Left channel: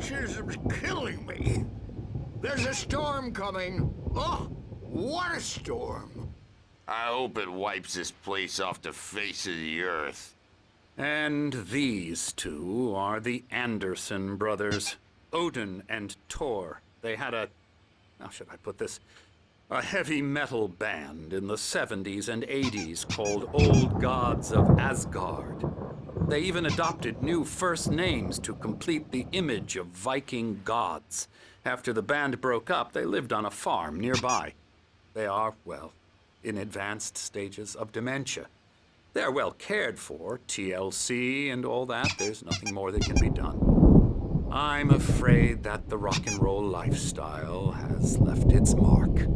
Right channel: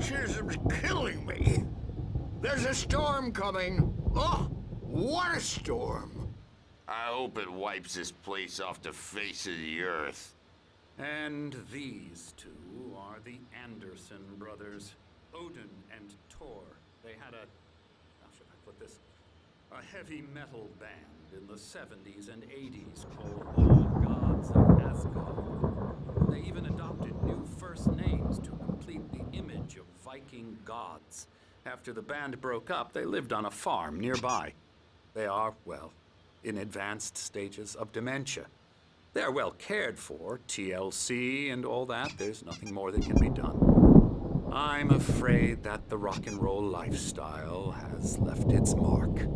Fascism's killing me. There's a storm coming. Oh, what a storm. I hope it wipes this place off the face of the earth. And these two are the Anderson brothers, Odin and Thor. They had how should I put this? A heavy metal band in the 70s and 80s called Old Gods of Asgard. They even adopted new first names to complete the image of Viking gods. After the band broke up, they lived on a farm nearby. They are, well, in advanced stages of dementia. They're well cared for, TLC and all that. There's nothing more that can be done. I'm afraid that the rock and roll lifestyle has left its mark.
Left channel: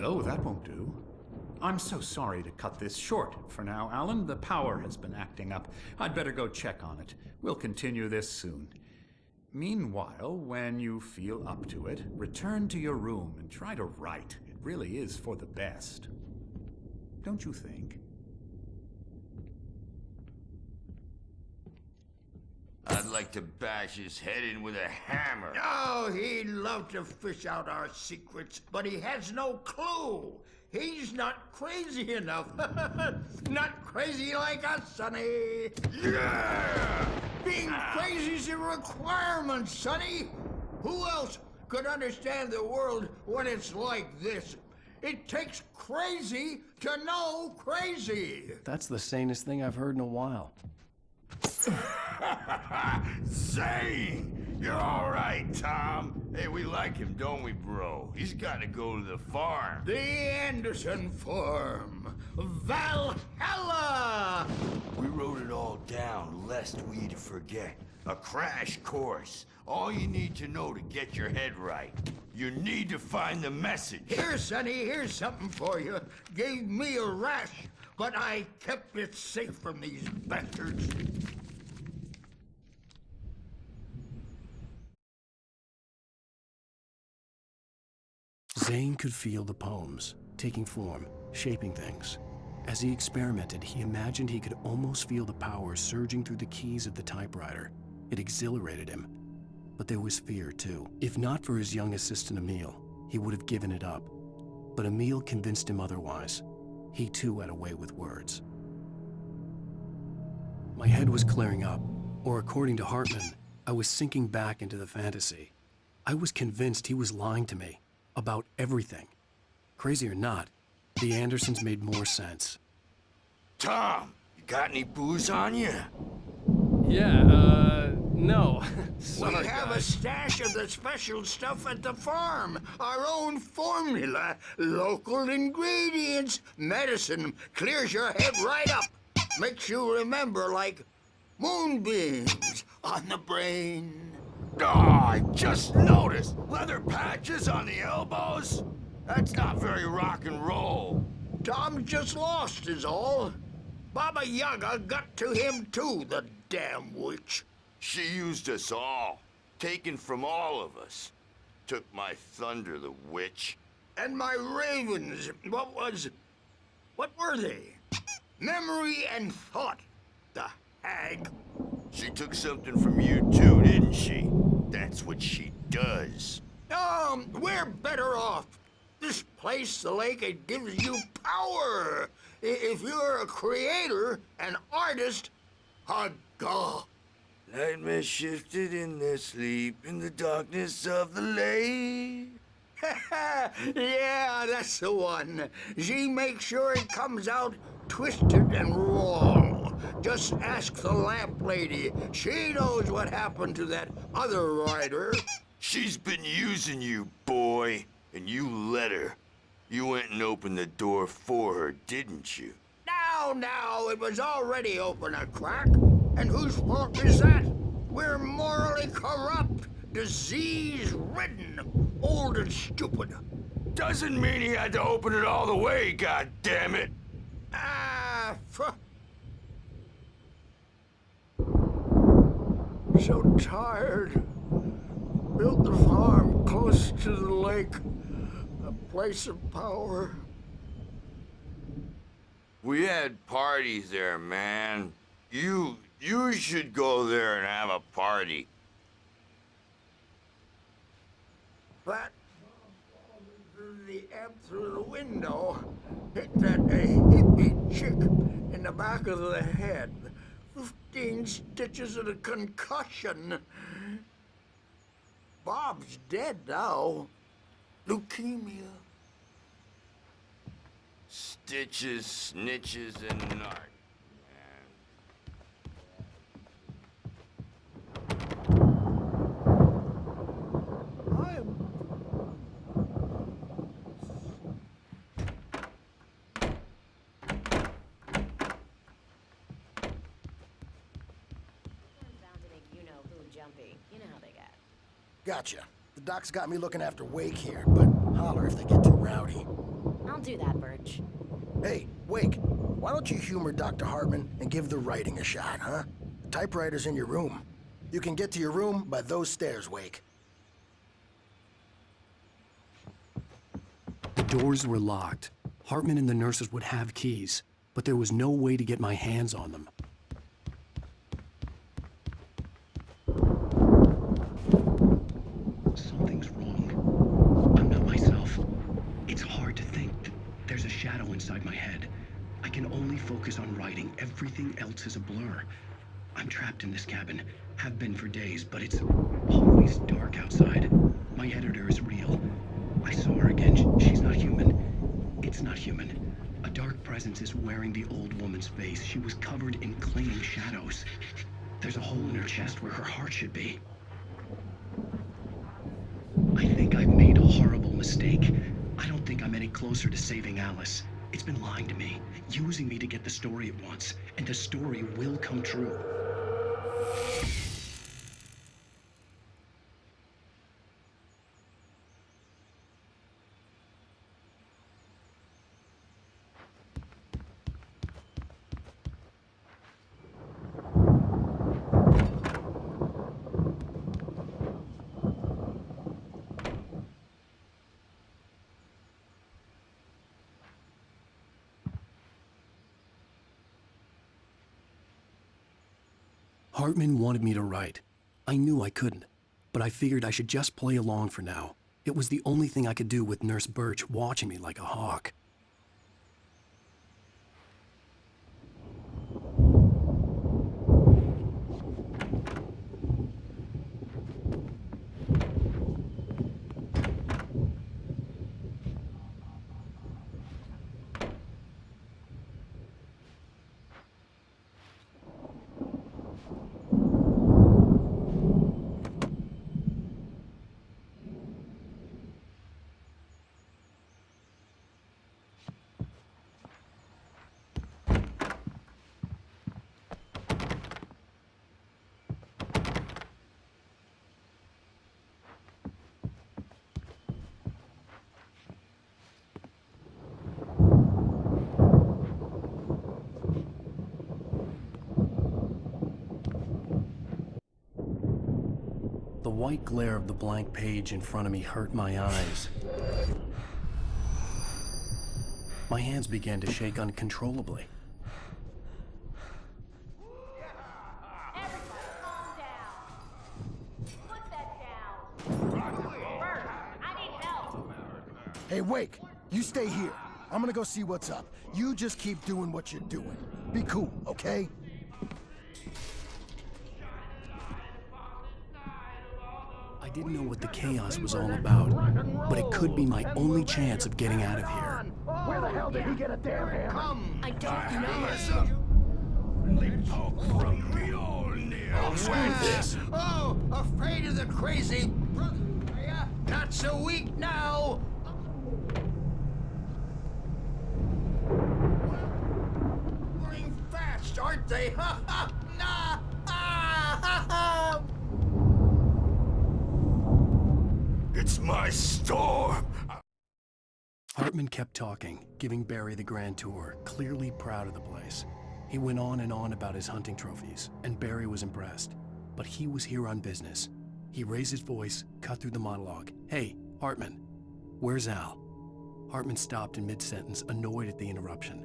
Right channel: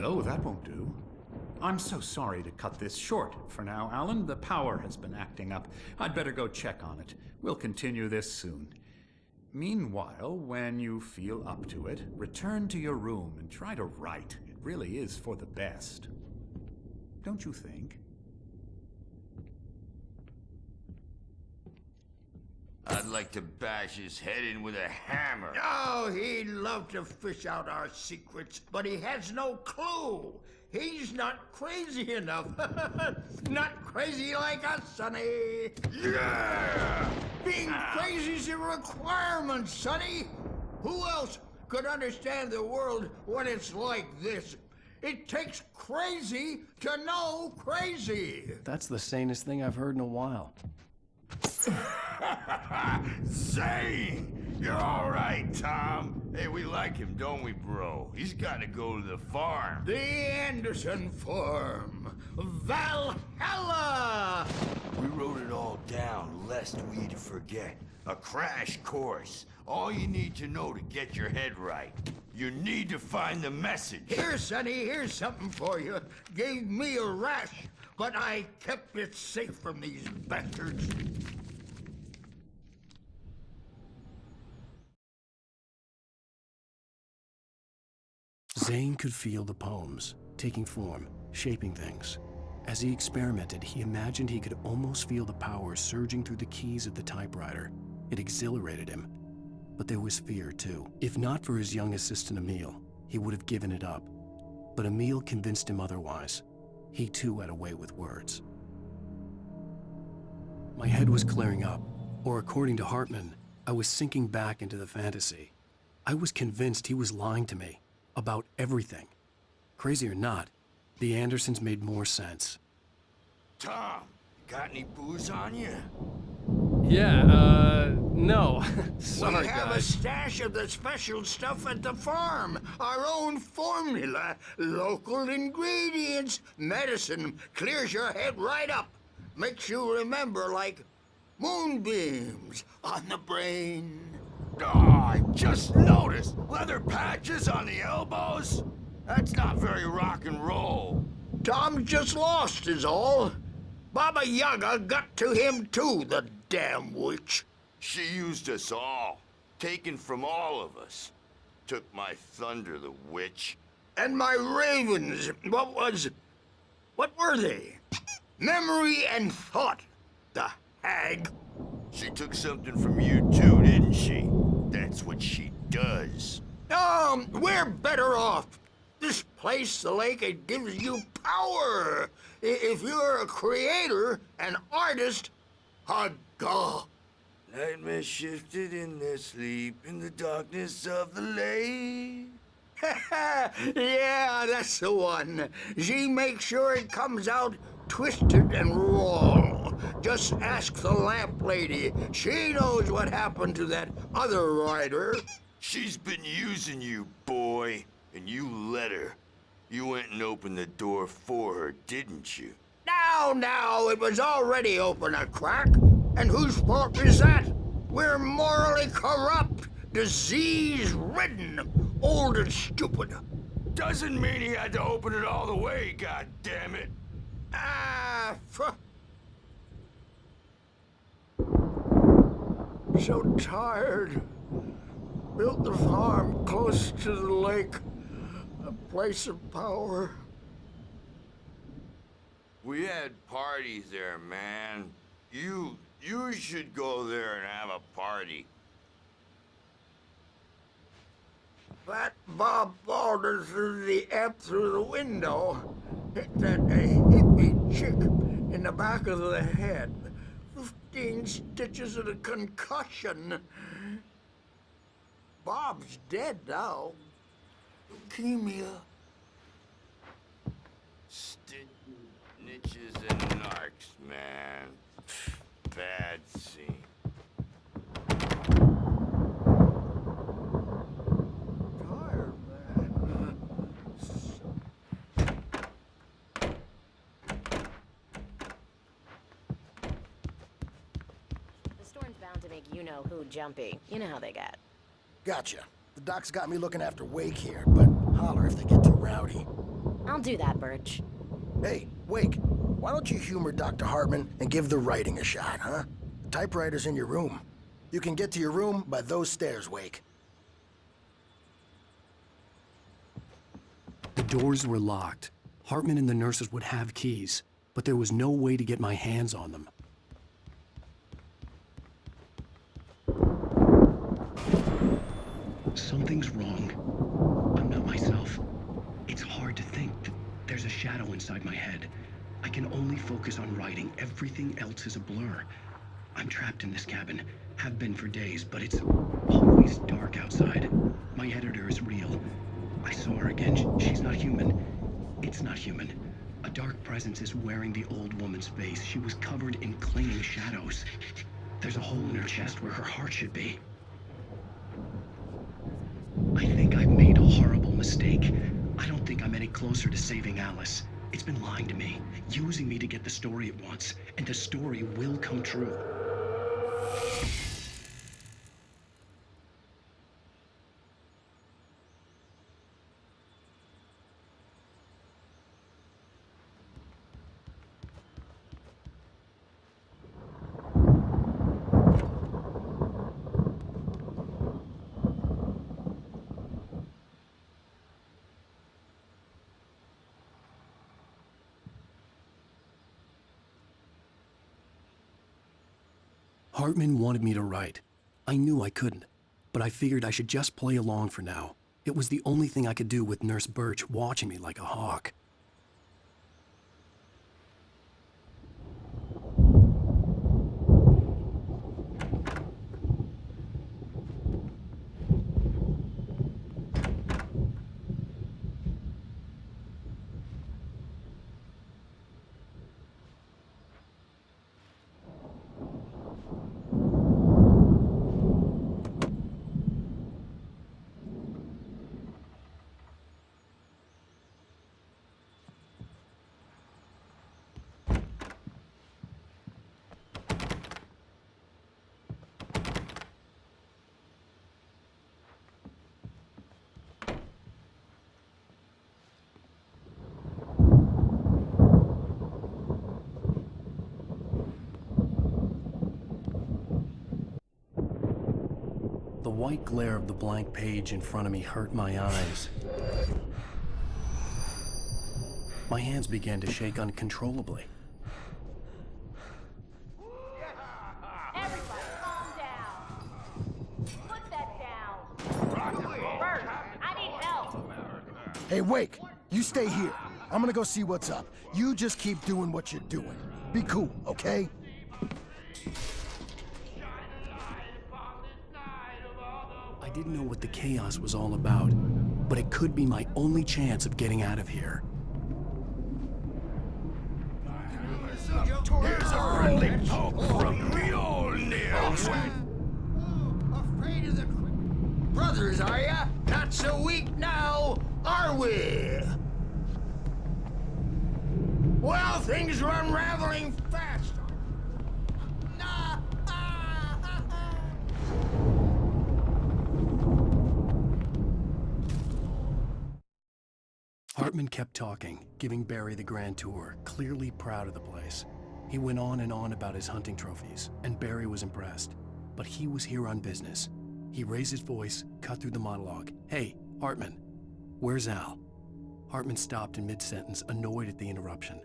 Oh, that won't do. I'm so sorry to cut this short for now, Alan. The power has been acting up. I'd better go check on it. We'll continue this soon. Meanwhile, when you feel up to it, return to your room and try to write. It really is for the best. Don't you think? I'd like to bash his head in with a hammer. Oh, he'd love to fish out our secrets, but he has no clue. He's not crazy enough. Not crazy like us, Sonny. Yeah! Being crazy's a requirement, Sonny. Who else could understand the world when it's like this? It takes crazy to know crazy. That's the sanest thing I've heard in a while. Zane! You're all right, Tom. Hey, we like him, don't we, bro? He's got to go to the farm. The Anderson Farm. Valhalla! We wrote it all down, lest we'd forget. A crash course. All you need to know to get your head right. You need to find the message. Here, Sonny, here's something for you. Gave me a rash, but I kept it safe from these bastards. Zane could feel the poems, taking form, shaping things. As he experimented, he imagined he could almost feel the power surging through the keys of the typewriter. It exhilarated him. But there was fear, too. If not for his young assistant, Emil, he would have given it up. But Emil convinced him otherwise. He, too, had a way with words. My head was clearing up, or according to Hartman, I was sinking back into the fantasy. I was convinced he was lying to me. About everything. Crazy or not, the Andersons made more sense. Tom, you got any booze on you? Yeah, no. Sorry, We have a guys. stash of the special stuff at the farm. Our own formula. Local ingredients. Medicine clears your head right up. Makes you remember like moonbeams on the brain. Oh, I just noticed! Leather patches on the elbows? That's not very rock and roll. Tom just lost is all. Baba Yaga got to him too, the damn witch. She used us all. Taken from all of us. Took my thunder, the witch. And my ravens, what were they? Memory and thought, the hag. She took something from you too, didn't she? That's what she does. We're better off. This place, the lake, it gives you power. If you're a creator, an artist, a god. Nightmares shifted in their sleep in the darkness of the lake. Yeah, that's the one. She makes sure it comes out twisted and wrong. Just ask the lamp lady. She knows what happened to that other writer. She's been using you, boy, and you let her. You went and opened the door for her, didn't you? Now, it was already open a crack. And whose fault is that? We're morally corrupt, disease-ridden, old and stupid. Doesn't mean he had to open it all the way, goddammit. So tired. Built the farm close to the lake. A place of power. We had parties there, man. You You should go there and have a party. That Bob Balder threw the amp through the window, hit that hippie chick in the back of the head. 15 stitches and a concussion. Bob's dead now. Leukemia. Stitches, snitches, and narcs, man. Bad scene. I'm tired, man. The storm's bound to make you-know-who jumpy. You know how they get. Gotcha. The doc's got me looking after Wake here, but holler if they get too rowdy. I'll do that, Birch. Hey, Wake, why don't you humor Dr. Hartman and give the writing a shot, huh? The typewriter's in your room. You can get to your room by those stairs, Wake. The doors were locked. Hartman and the nurses would have keys, but there was no way to get my hands on them. Something's wrong. I'm not myself. It's hard to think that there's a shadow inside my head. I can only focus on writing. Everything else is a blur. I'm trapped in this cabin. Have been for days, but it's always dark outside. My editor is real. I saw her again. She's not human. It's not human. A dark presence is wearing the old woman's face. She was covered in clinging shadows. There's a hole in her chest where her heart should be. I think I've made a horrible mistake. I don't think I'm any closer to saving Alice. It's been lying to me, using me to get the story it wants, and the story will come true. Hartman wanted me to write. I knew I couldn't, but I figured I should just play along for now. It was the only thing I could do with Nurse Birch watching me like a hawk. The white glare of the blank page in front of me hurt my eyes. My hands began to shake uncontrollably. Everybody, calm down. Put that down. Birch, I need help. Hey, Wake, you stay here. I'm gonna go see what's up. You just keep doing what you're doing. Be cool, okay? I didn't know what the chaos was all about, but it could be my only chance of getting out of here. Where the hell did he get a damn hand? I don't know. Here's a friendly poke from Mjolnir. This. Oh, afraid of the crazy brothers, are ya? Not so weak now, are we? Well, things are unraveling fast, aren't they? Ha ha! Nah! Ah, ha, ha. It's my storm. Hartman kept talking, giving Barry the grand tour, clearly proud of the place. He went on and on about his hunting trophies, and Barry was impressed. But he was here on business. He raised his voice, cut through the monologue. Hey, Hartman, where's Al? Hartman stopped in mid-sentence, annoyed at the interruption.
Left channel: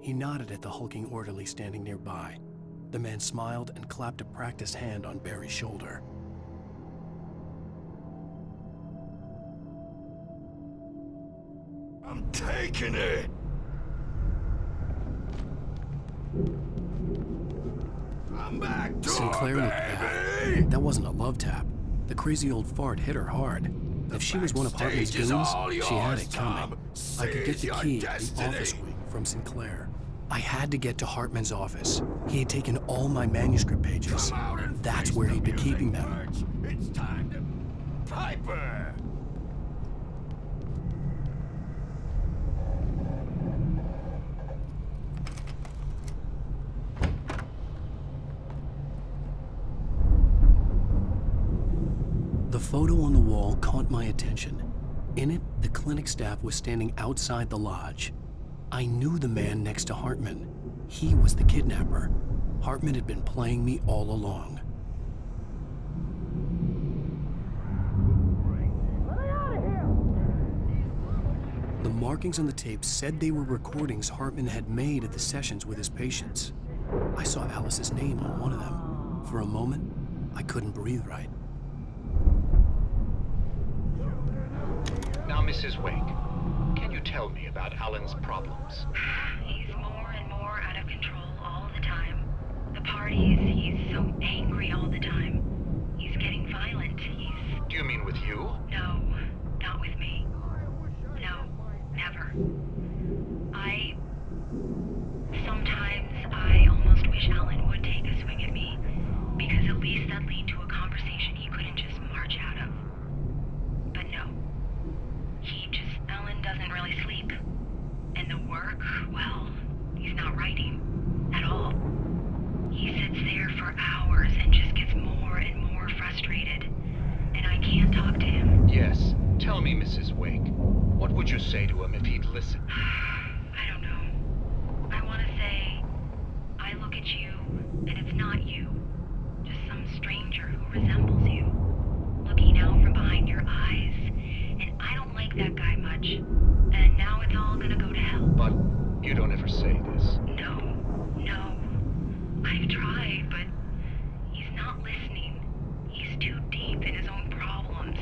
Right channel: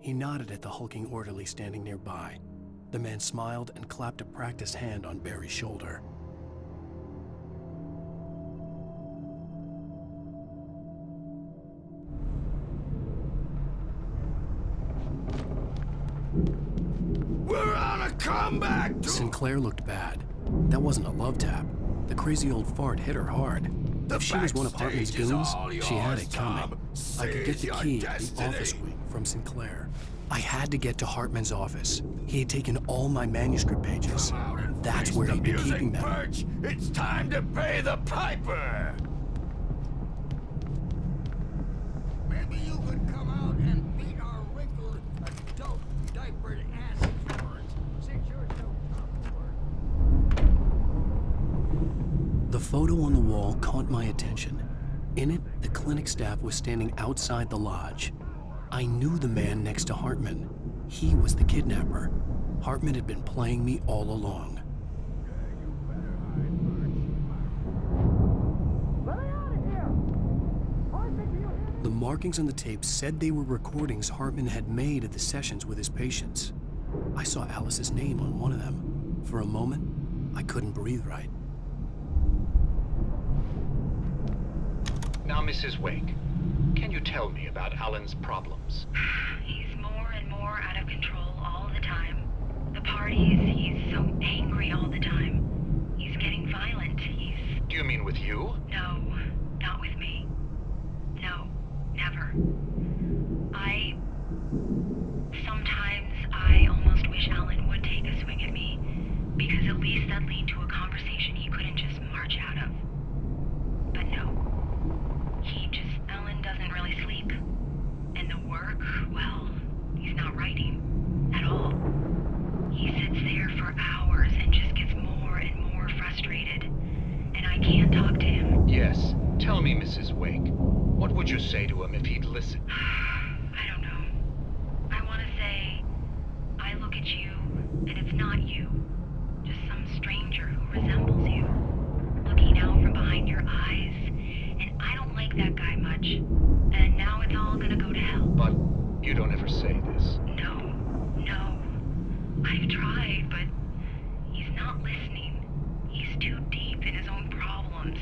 He nodded at the hulking orderly standing nearby. The man smiled and clapped a practiced hand on Barry's shoulder. I'm taking it. We're on a comeback tour, Sinclair looked bad. That wasn't a love tap. The crazy old fart hit her hard. If she was one of Hartman's backstage is goons, all she had yours, it coming. Tom. I could get Seize the your key to the destiny. office wing from Sinclair. I had to get to Hartman's office. He had taken all my manuscript pages. Come out and That's face where the he'd been music, keeping them. Birch. It's time to pay the piper. Maybe you could come out and meet our wrinkled, dope, diapered ass. The photo on the wall caught my attention. In it, the clinic staff was standing outside the lodge. I knew the man next to Hartman. He was the kidnapper. Hartman had been playing me all along. The markings on the tape said they were recordings Hartman had made at the sessions with his patients. I saw Alice's name on one of them. For a moment, I couldn't breathe right. Now, Mrs. Wake, can you tell me about Alan's problems? He's more and more out of control all the time. The parties, he's so angry all the time. He's getting violent. Do you mean with you? No, not with me. No, never. Sometimes I almost wish Alan would take a swing at me, because at least that'd lead to a conversation he couldn't just march out of. But no. Alan doesn't really sleep. And the work, well, he's not writing at all. He sits there for hours and just gets more and more frustrated. And I can't talk to him. Yes. Tell me, Mrs. Wake, what would you say to him if he'd listen? I don't know. I want to say, I look at you, and it's not you. Just some stranger who resembles you. Looking out from behind your eyes. And I don't like that guy much. And now it's all gonna go to hell. But you don't ever say this. No. I've tried, but he's not listening. He's too deep in his own problems,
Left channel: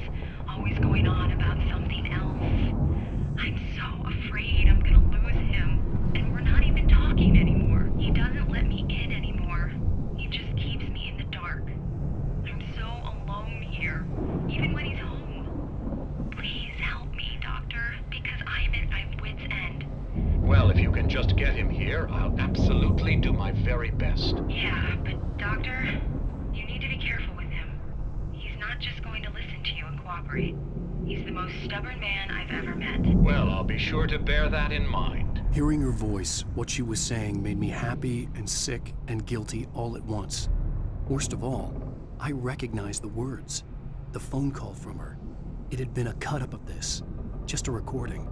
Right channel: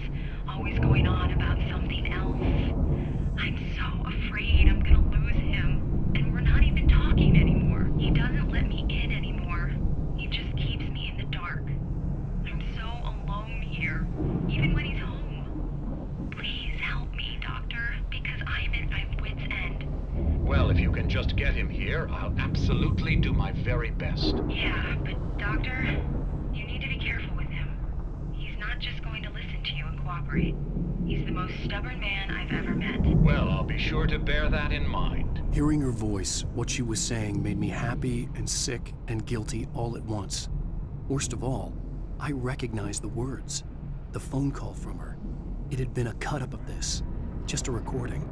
always going on about something else. I'm so afraid I'm gonna lose him. And we're not even talking anymore. He doesn't let me in anymore. He just keeps me in the dark. I'm so alone here, even when he's home. Please help me, Doctor, because I'm at my wit's end. Well, if you can just get him here, I'll absolutely do my very best. Yeah, but Doctor, you need to be careful with him. He's not just going to listen to you and cooperate. He's the most stubborn man I've ever met. Well, I'll be sure to bear that in mind. Hearing her voice, what she was saying made me happy and sick and guilty all at once. Worst of all, I recognized the words. The phone call from her. It had been a cut-up of this. Just a recording.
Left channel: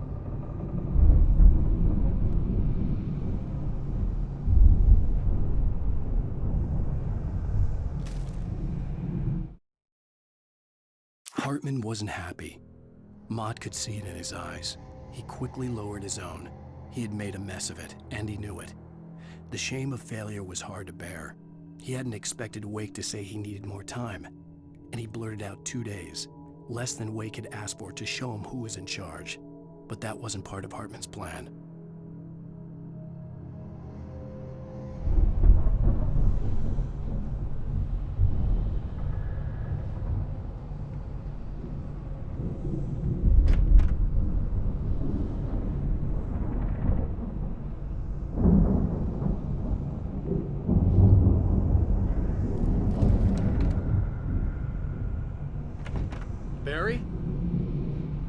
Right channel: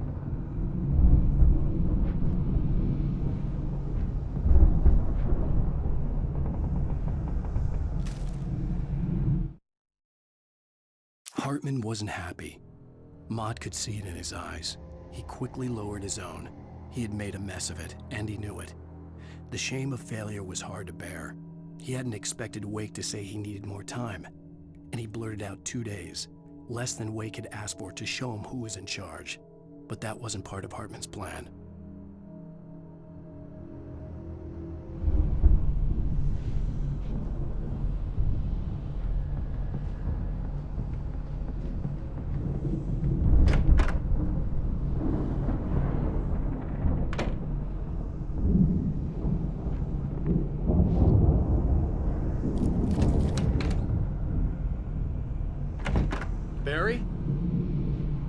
Hartman wasn't happy. Mott could see it in his eyes. He quickly lowered his own. He had made a mess of it, and he knew it. The shame of failure was hard to bear. He hadn't expected Wake to say he needed more time, and he blurted out 2 days, less than Wake had asked for to show him who was in charge. But that wasn't part of Hartman's plan. Barry?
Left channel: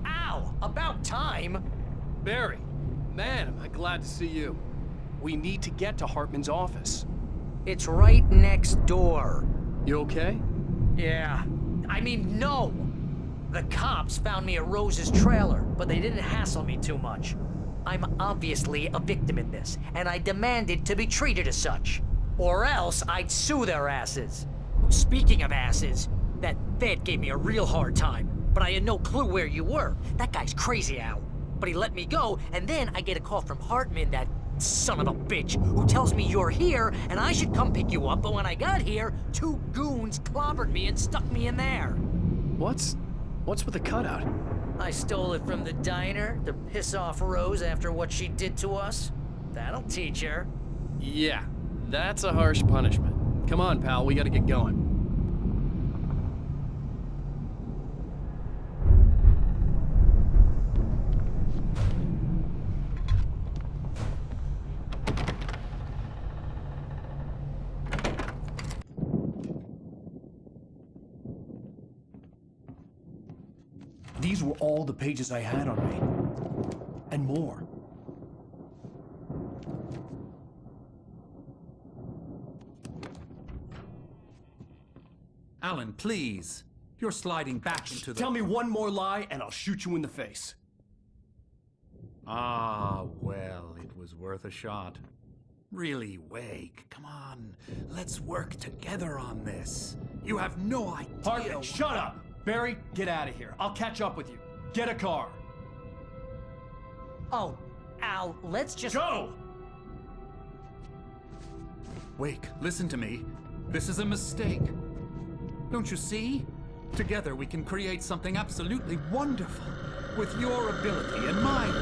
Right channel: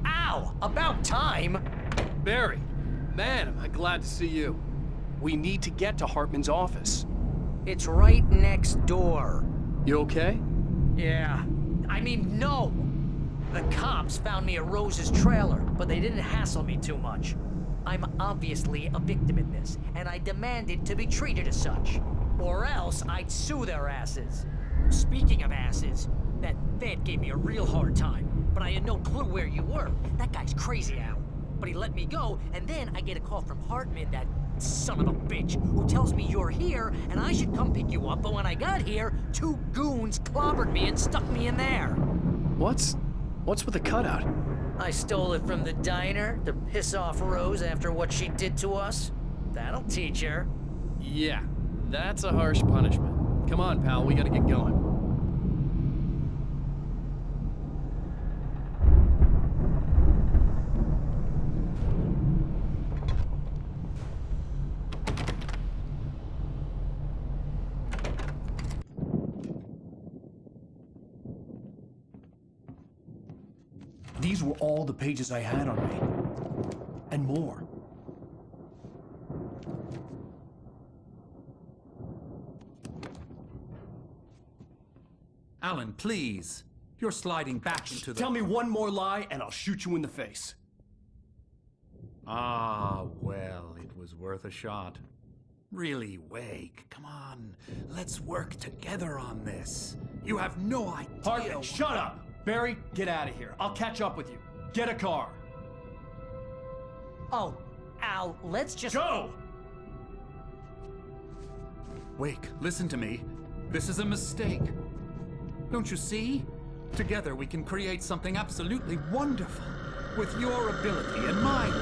Ow! About time! Barry! Man, am I glad to see you. We need to get to Hartman's office. It's right next door. You okay? Yeah. I mean, no! The cops found me at Rose's trailer, but they didn't hassle me too much. I'm obviously a victim in this, and I demanded to be treated as such. Or else I'd sue their asses. Speaking of asses, that vet gave me a real hard time, but I had no clue where you were. That guy's crazy, Al. But he let me go, and then I get a call from Hartman that that son of a bitch who tells me you're here and I should come pick you up, but when I got here, 2 goons clobbered me and stuck me in there. What's with the cutout? I stole it from the diner to piss off Rose after what she did to us. That'll teach her. Yeah, that's a harsh punishment. Come on, pal, we gotta get going. These were all the pages I had on me. And more. Alan, please. You're sliding back into the... Tell me one more lie and I'll shoot you in the face. Ah, well, it was worth a shot. Really, Wake, come on. Let's work together on this. You have no idea... Hartman, shut up! Barry, get out of here. I'll catch up with you. Get a car. Oh, Al, let's just... Go! Wake, listen to me. This is a mistake. Don't you see? Together we can create something absolutely wonderful. With your ability and mine.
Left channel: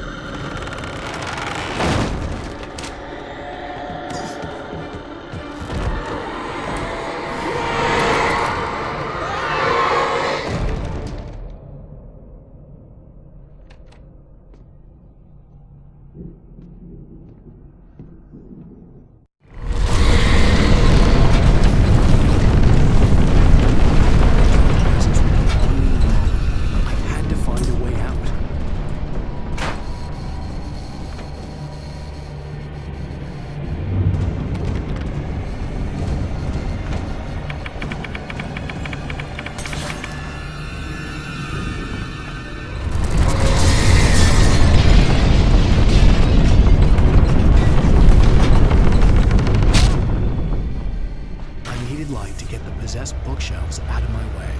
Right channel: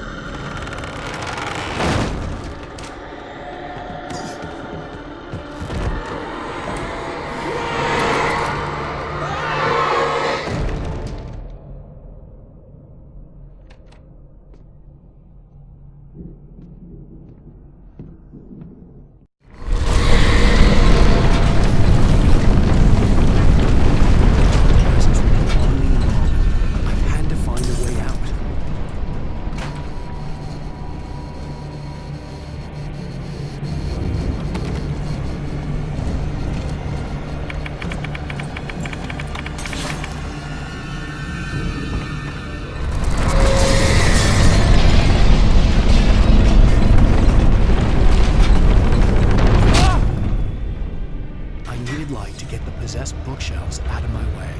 Possessed bookshelves out of my way.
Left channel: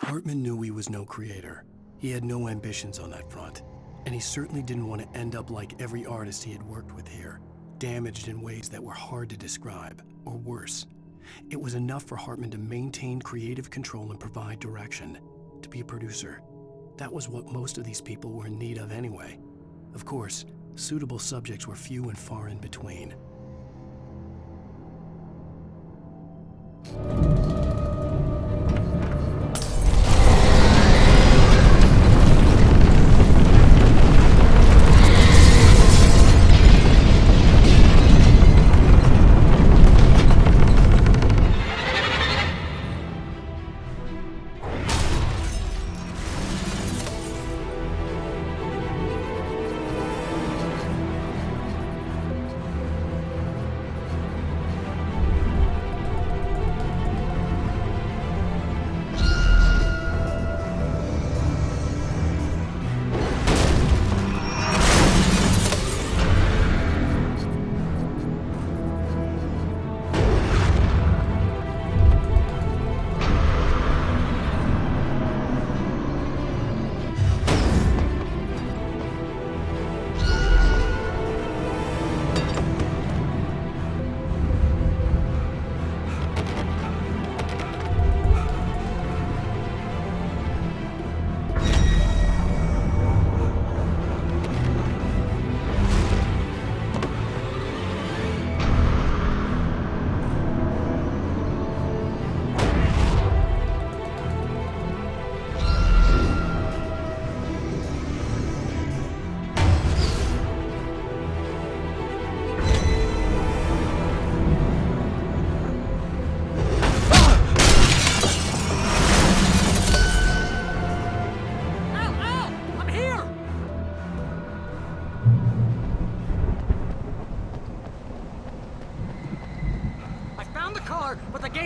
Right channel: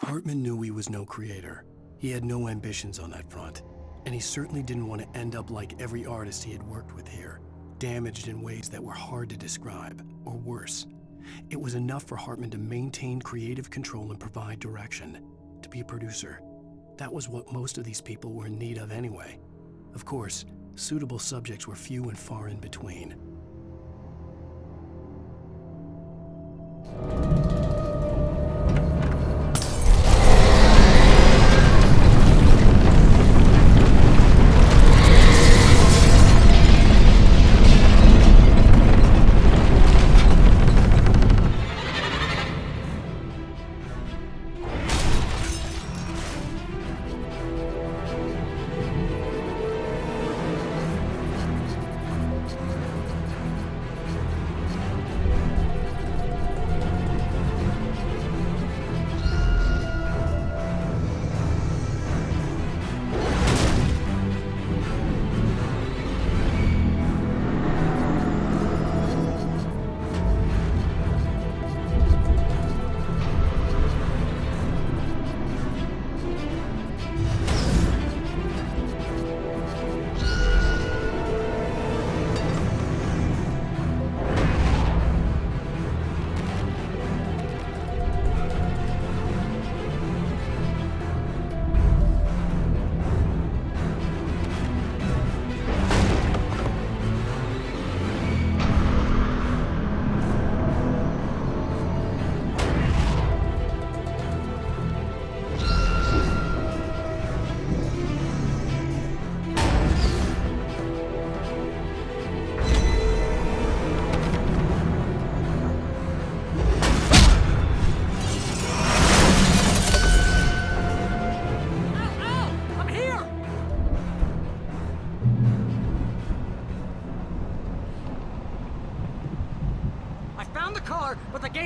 Hartman knew he was no creator. He had no ambitions on that front. And he certainly didn't want to end up like every artist he had worked with here, damaged in ways that were hard to describe, or worse. It was enough for Hartman to maintain creative control and provide direction, to be a producer. That was what most of these people were in need of anyway. Of course, suitable subjects were few and far in between.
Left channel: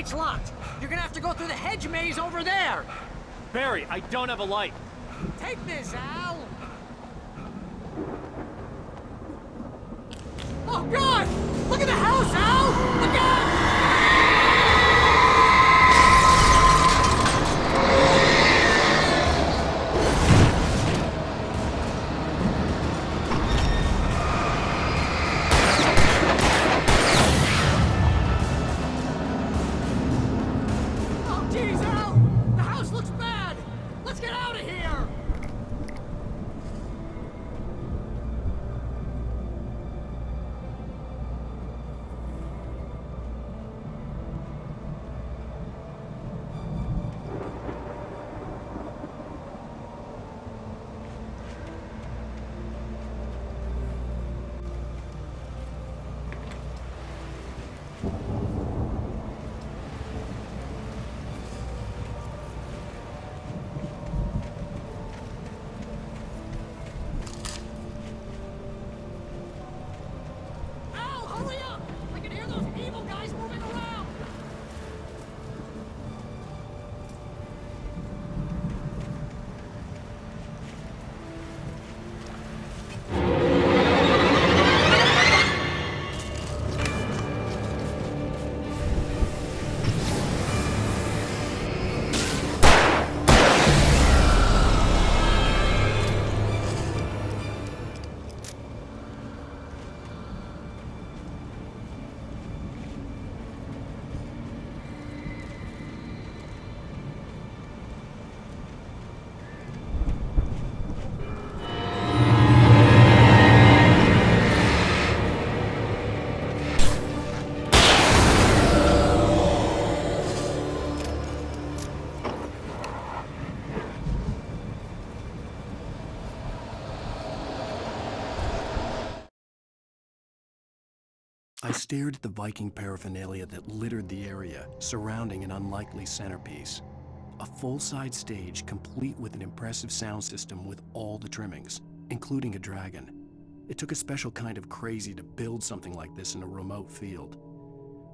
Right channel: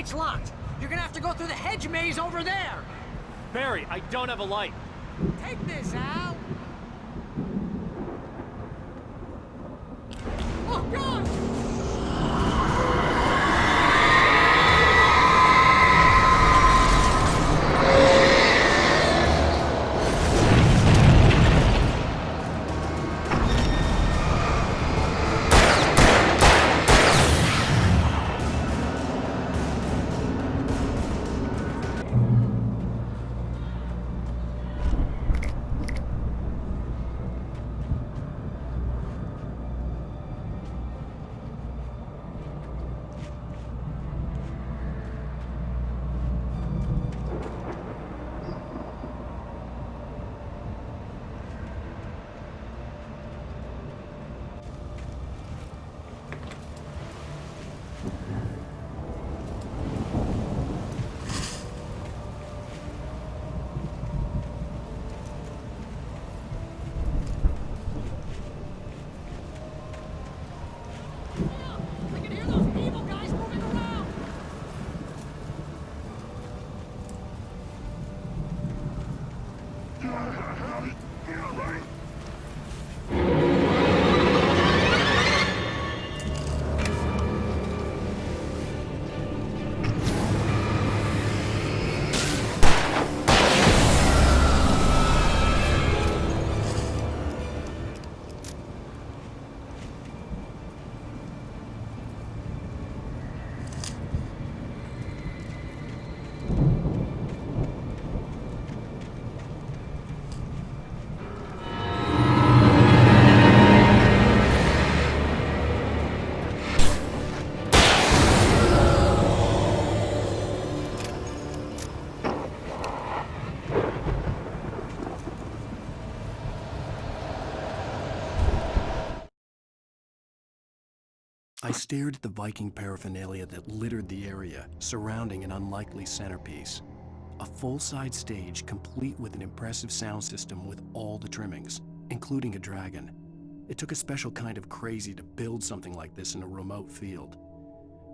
gate's locked. You're gonna have to go through the hedge maze over there. Barry, I don't have a light. Take this, Al. Oh, God! Look at the house, Al! Look out! I stared at the Viking paraphernalia that littered the area, surrounding an unlikely centerpiece. A full-size stage complete with an impressive sound system with all the trimmings, including a dragon. It took a special kind of crazy to build something like this in a remote field.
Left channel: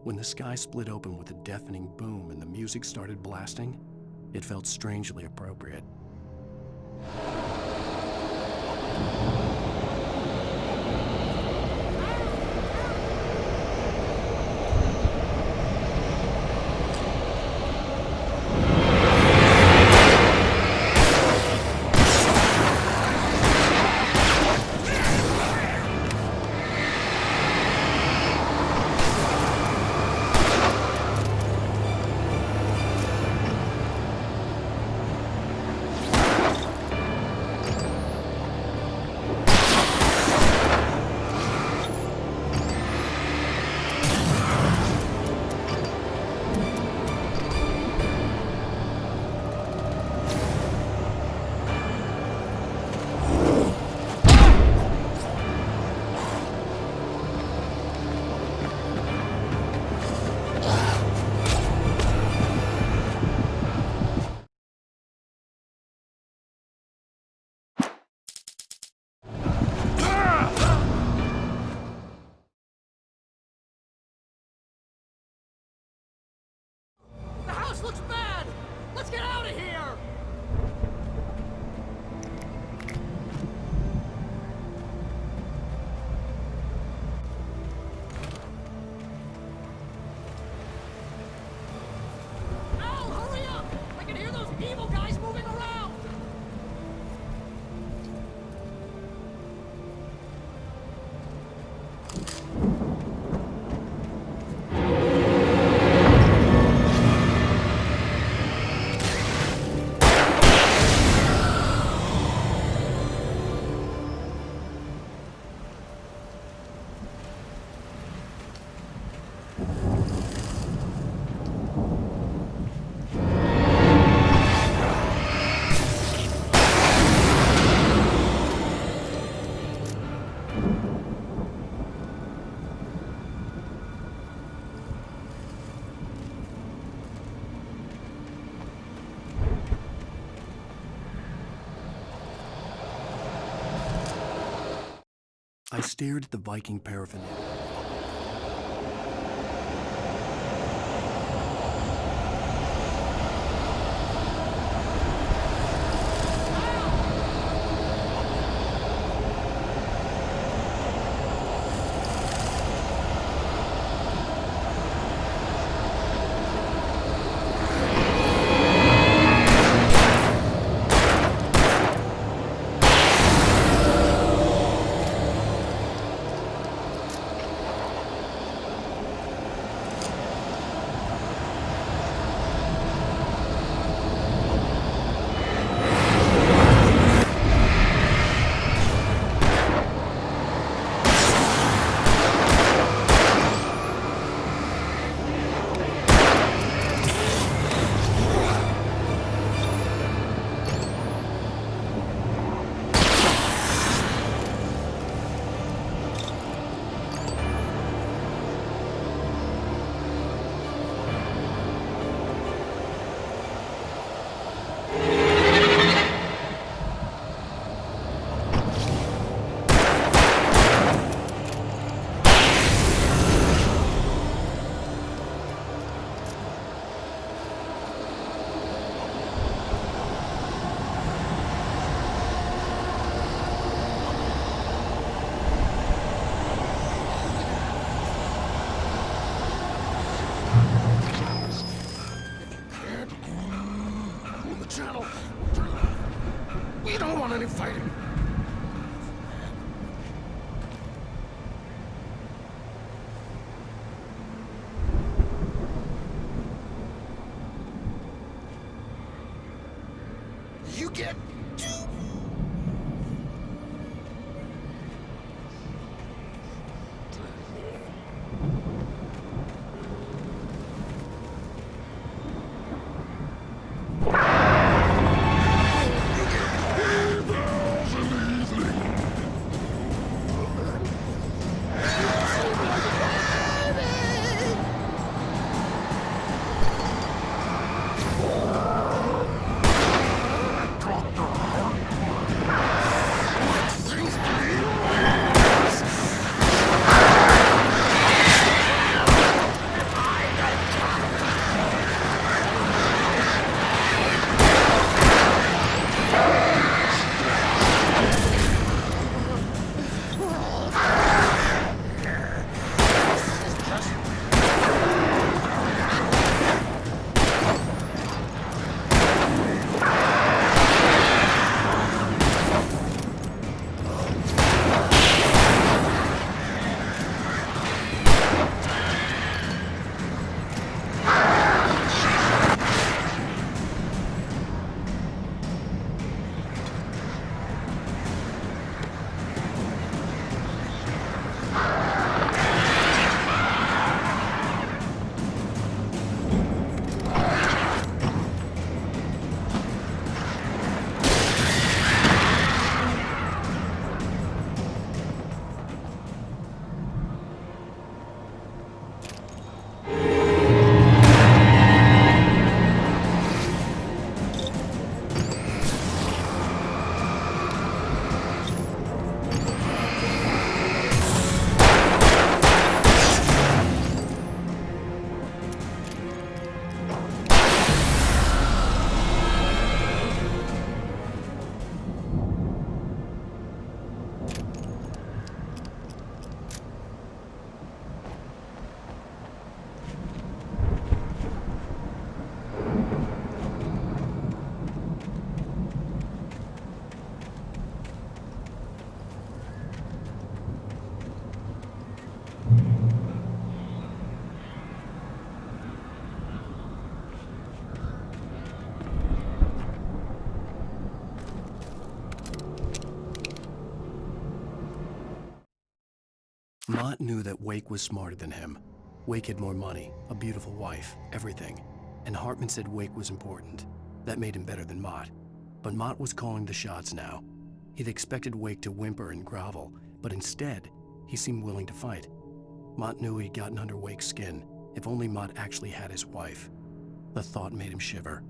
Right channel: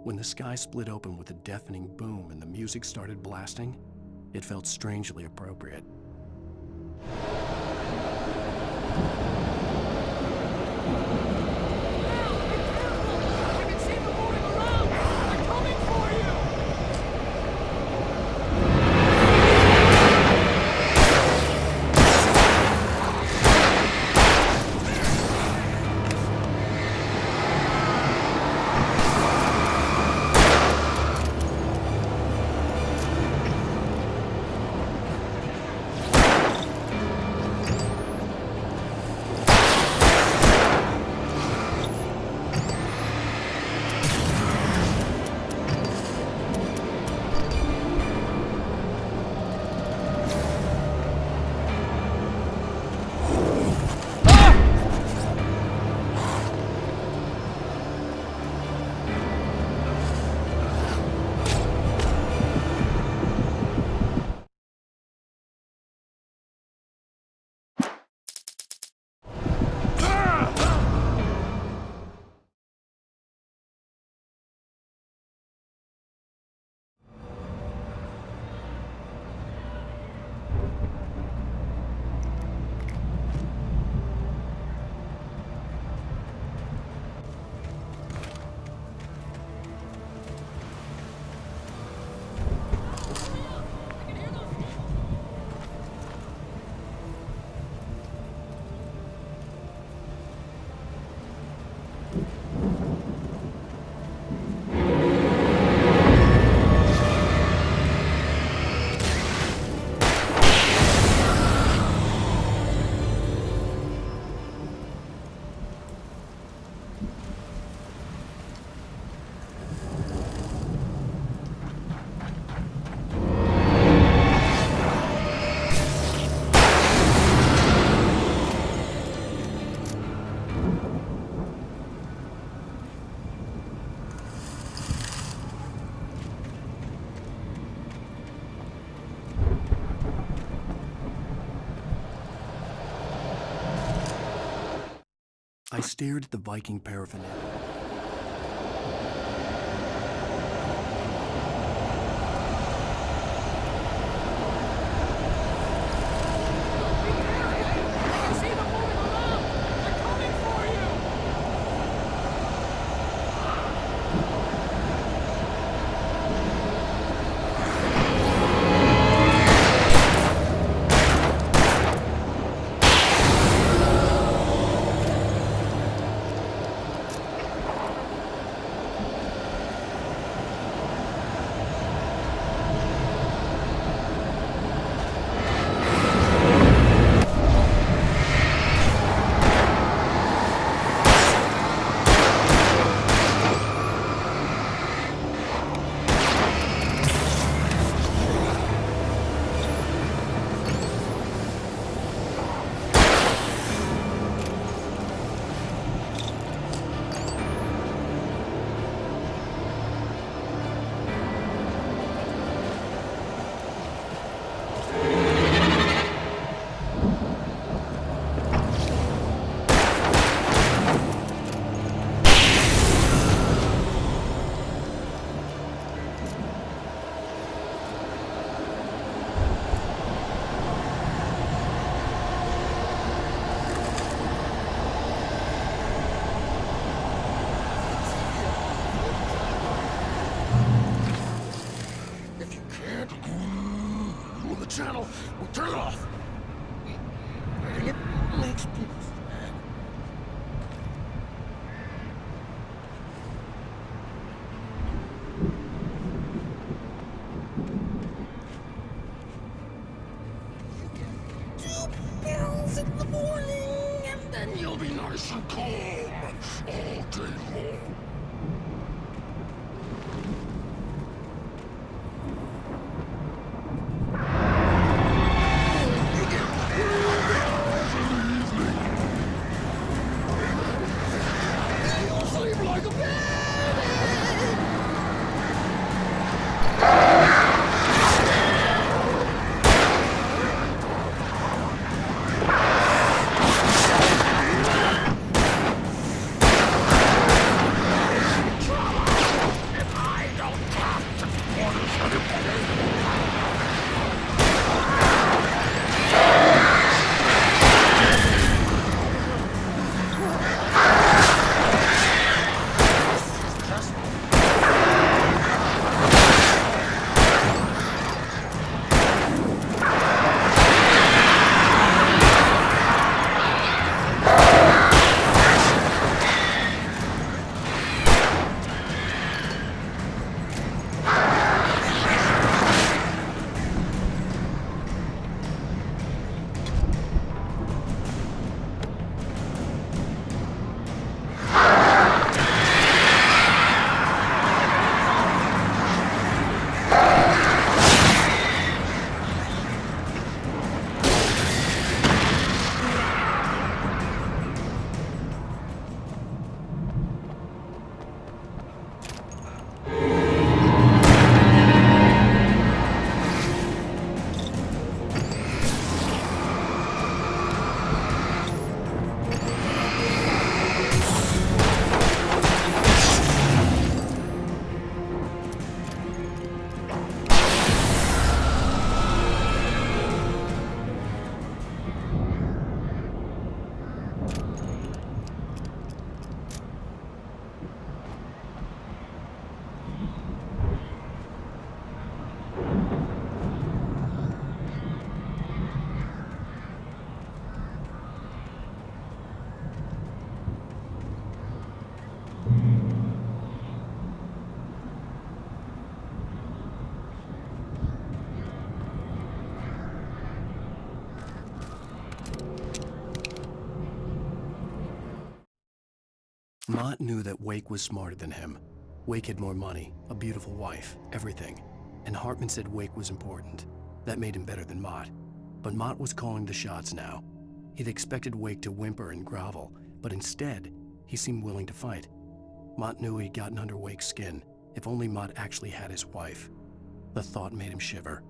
When the sky split open with a deafening boom and the music started blasting, it felt strangely appropriate. I stared at the Viking paraphernalia. can't. The channel. Turn it off. We don't want any fighting. It makes me sad. You get 2 pills in the morning, and then you'll be nice and calm all day long. You get 3 pills in the evening. You sleep like a baby. Mott knew that Wake was smarter than him. Wake had more money, a beautiful wife, everything. And Hartman said Wake was important. That made him better than Mott. But Mott was calling the shots now. He'd expected Wake to whimper and grovel, but instead, he seemed willing to fight. Mott knew he'd gotten under Wake's skin. If only Mott actually had his wife. The thought made him shiver.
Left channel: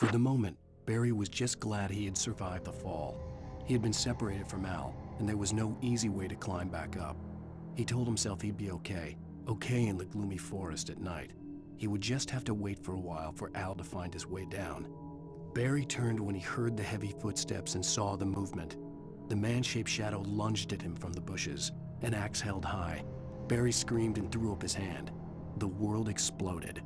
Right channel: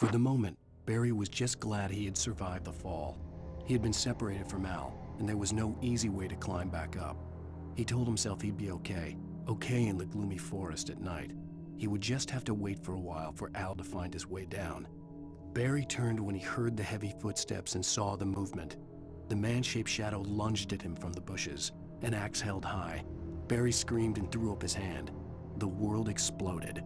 For the moment, Barry was just glad he had survived the fall. He had been separated from Al, and there was no easy way to climb back up. He told himself he'd be okay in the gloomy forest at night. He would just have to wait for a while for Al to find his way down. Barry turned when he heard the heavy footsteps and saw the movement. The man-shaped shadow lunged at him from the bushes, an axe held high. Barry screamed and threw up his hand. The world exploded.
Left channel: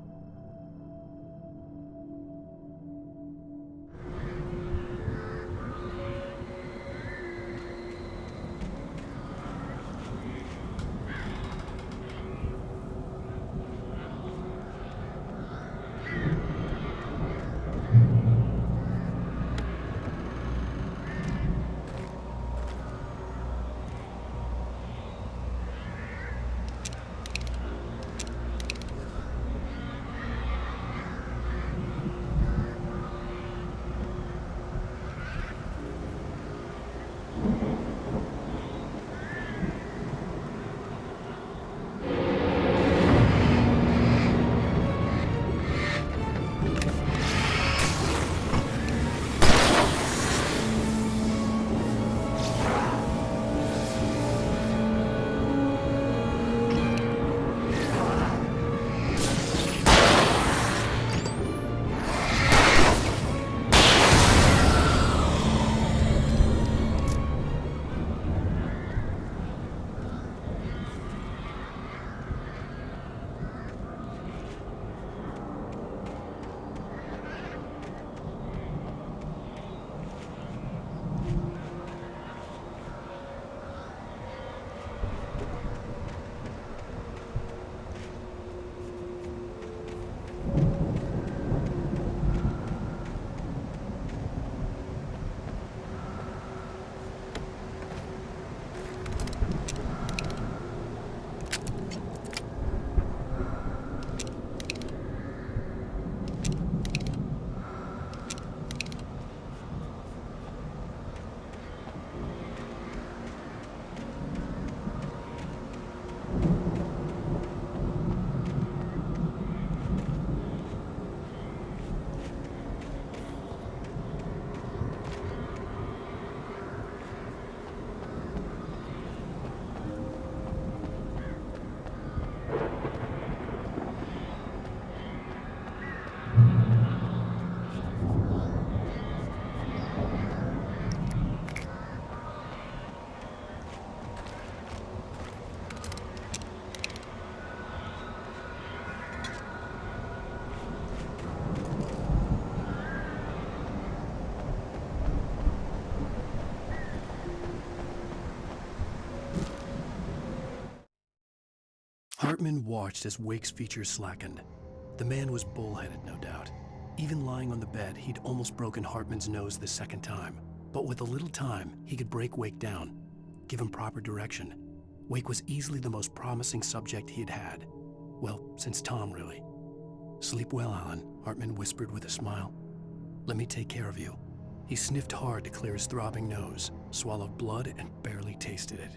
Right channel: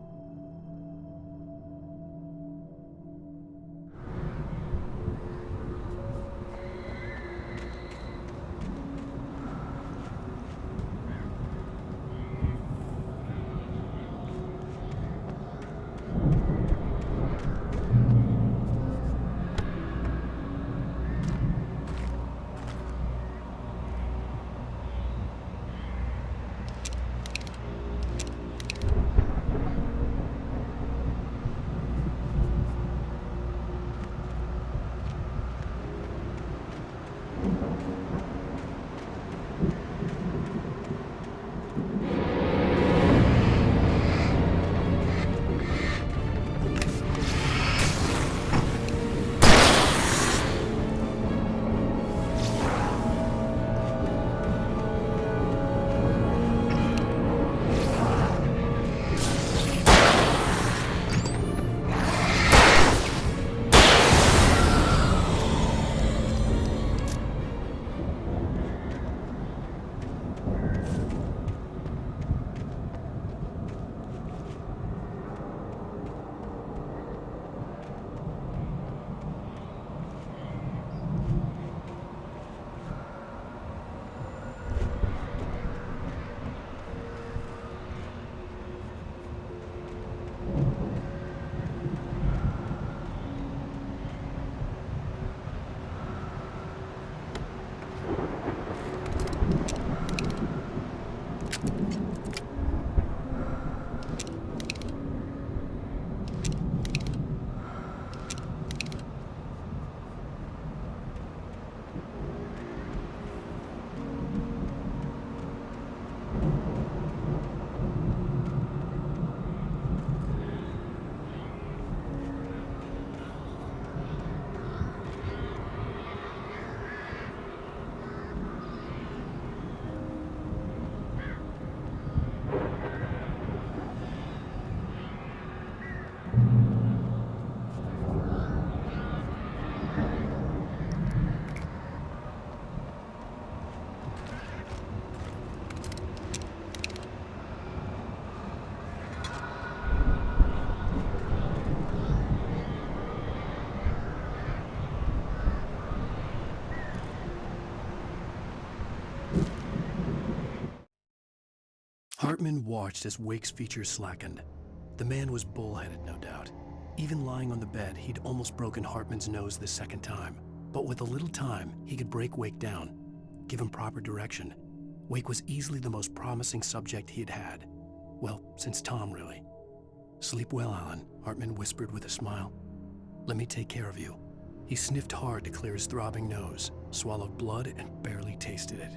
Hartman watched as Wake's features slackened. The man was bullheaded, no doubt. Even lying on the bed, he'd almost broken Hartman's nose the second time. But with a little time, he could break Wake down, give him proper direction. Wake was easily the most promising subject he had had. Well, since Tom, really. "Sleep well, Alan," Hartman whispered with a smile. "Let me take care of you." He sniffed hard to clear his throbbing nose, swallowed blood, and barely tasted it.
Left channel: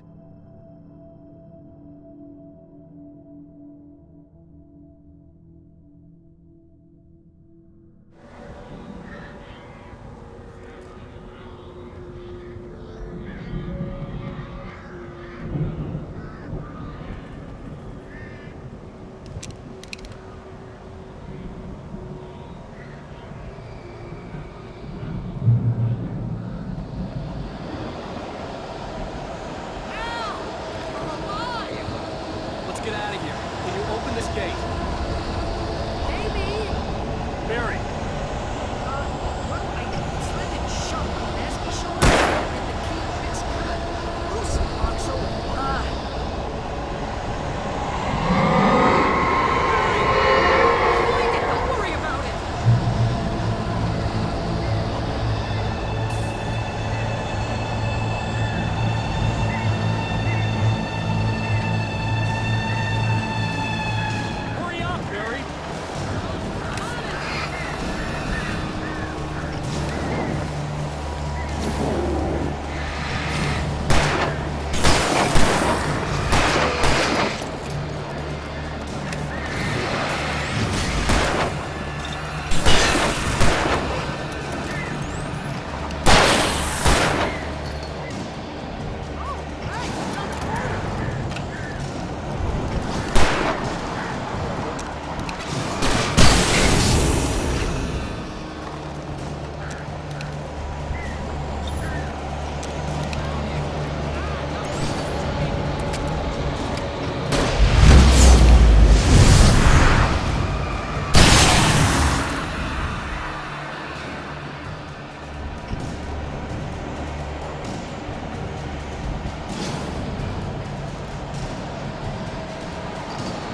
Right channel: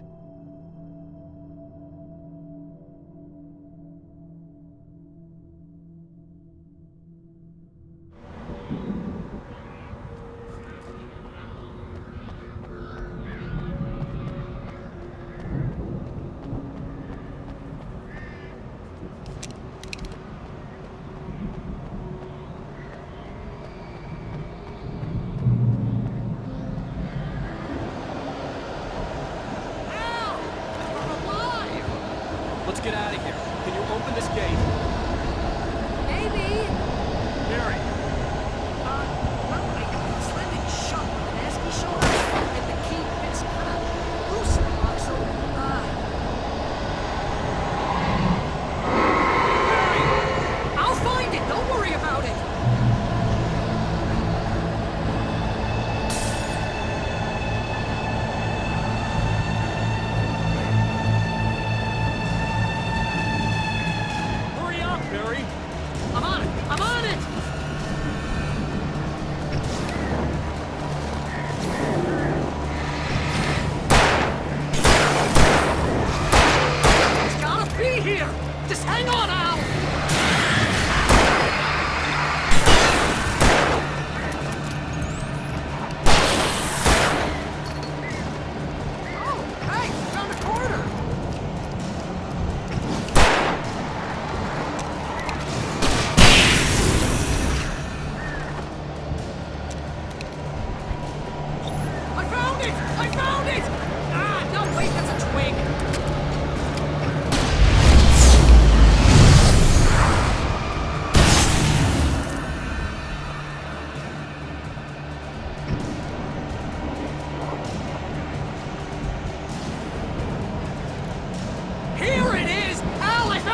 Let's get out of here. Can you open this gate? Maybe. Barry! Well, I slammed it shut when the Nasty showed up, and the key fits kind of loose in the lock, so, Barry! I'll find it, don't worry about it! Hurry up, Barry! I'm on it! I'm on it! It's gotta be here! Just hang on, Al!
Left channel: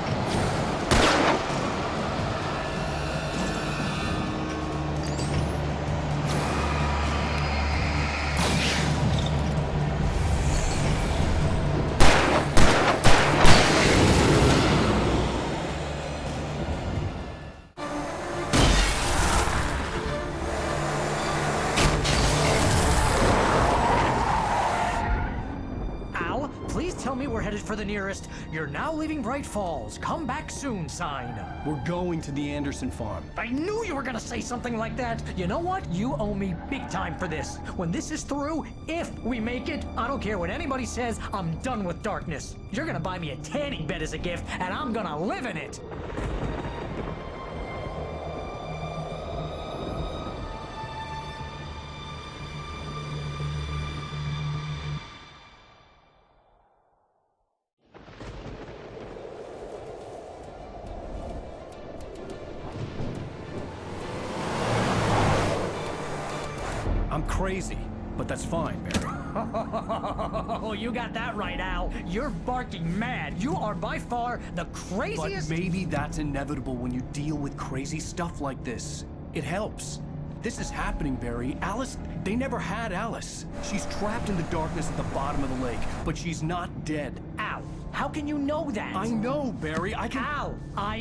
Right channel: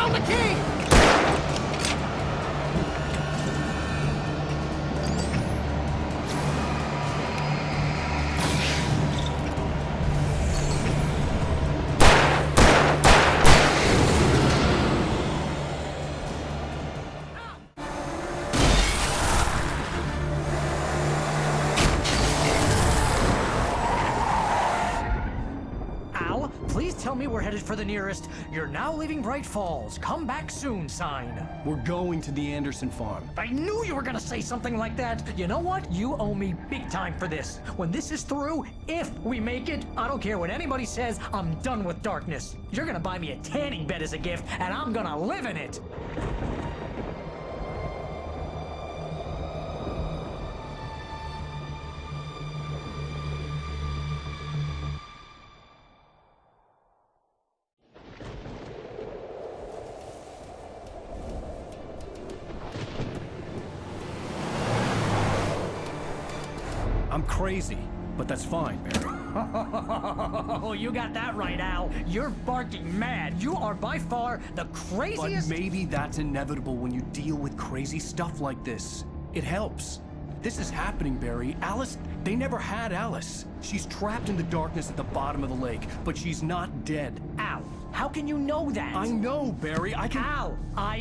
found the key! Please tell me we're headed for the nearest "You're now leaving Bright Falls. Come back soon" sign. We're going to the Anderson farm. I knew you were gonna say something like that. You know what? You owe me big time for this. When this is through, if we make it, I don't care what anybody says, I'm done with darkness. You're gonna buy me a tanning bed as a gift, and I'm gonna live in it. I'm crazy, but that's fine, Barry. Oh, you got that right, Al. You're barking mad. You are by far the craziest... But maybe that's inevitable when you deal with crazy stuff like this. It helps. This is happening, Barry. Alice, they never had Alice. She's trapped in the darkness at the bottom of the lake, but she's not dead. Al, how can you know that? I know, Barry. I can... Al,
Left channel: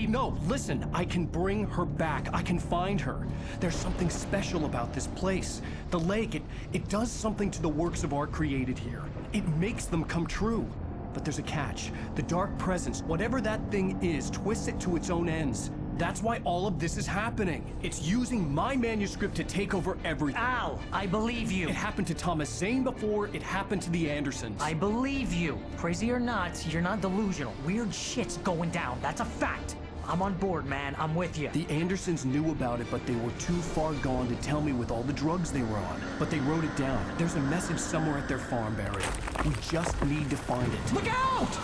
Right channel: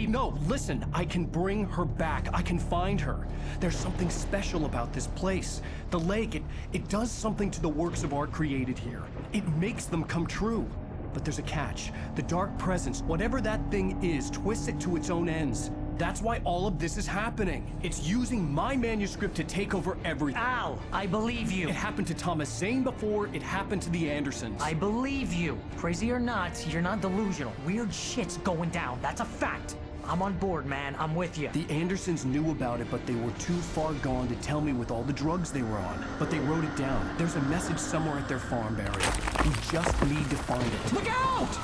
No, listen. I can bring her back. I can find her. There's something special about this place. The lake, it does something to the works of art created here. It makes them come true. But there's a catch. The dark presence, whatever that thing is, twists it to its own ends. That's why all of this is happening. It's using my manuscript to take over everything. Al, I believe you. It happened to Thomas Zane before, it happened to the Andersons. I believe you. Crazy or not, you're not delusional. Weird shit's going down. That's a fact. I'm on board, man. I'm with you. The Andersons knew about it, but they were too far gone to tell me with all the drugs they were on. But they wrote it down. There's a message somewhere at their farm, Barry. We just need to find it. Look out!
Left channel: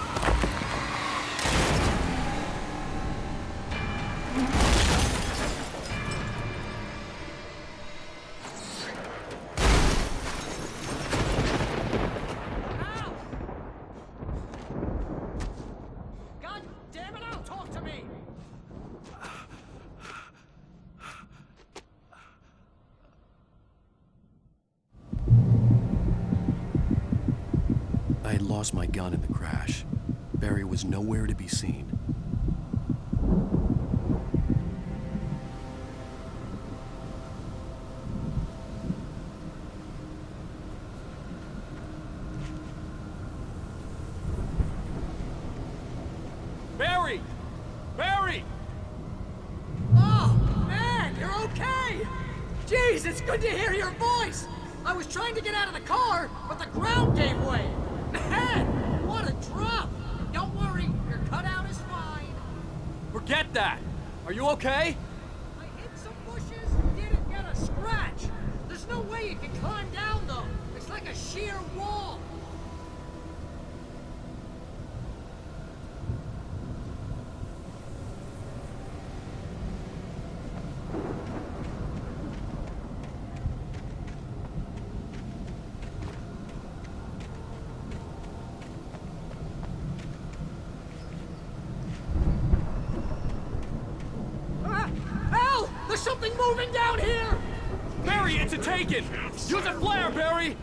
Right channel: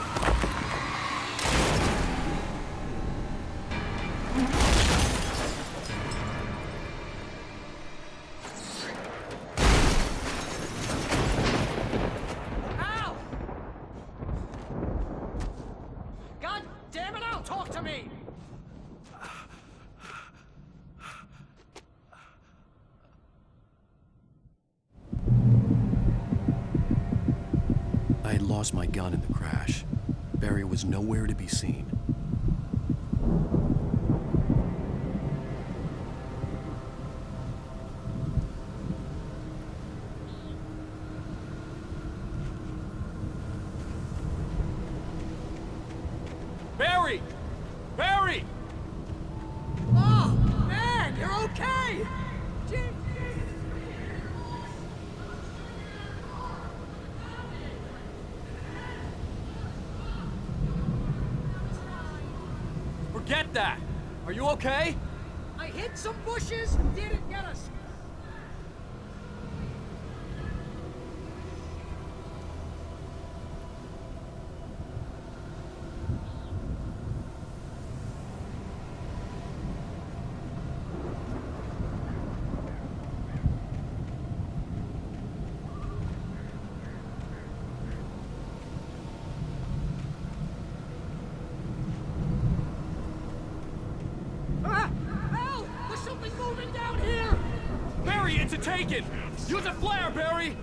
I had lost my gun in the crash. Barry was nowhere to be seen. Barry! Barry! Oh, man, you're okay! Jeez, it's good to hear your voice! I was trying to get out of the car, but the ground gave way. Man, what a drop! Don't worry, your cutout is fine. Forget that! Are you okay? I hit some bushes, didn't get a scratch. There's no way you can climb down, though. It's like a sheer wall. There's something moving down here! Barry, it's a taken! Use a flare, Barry!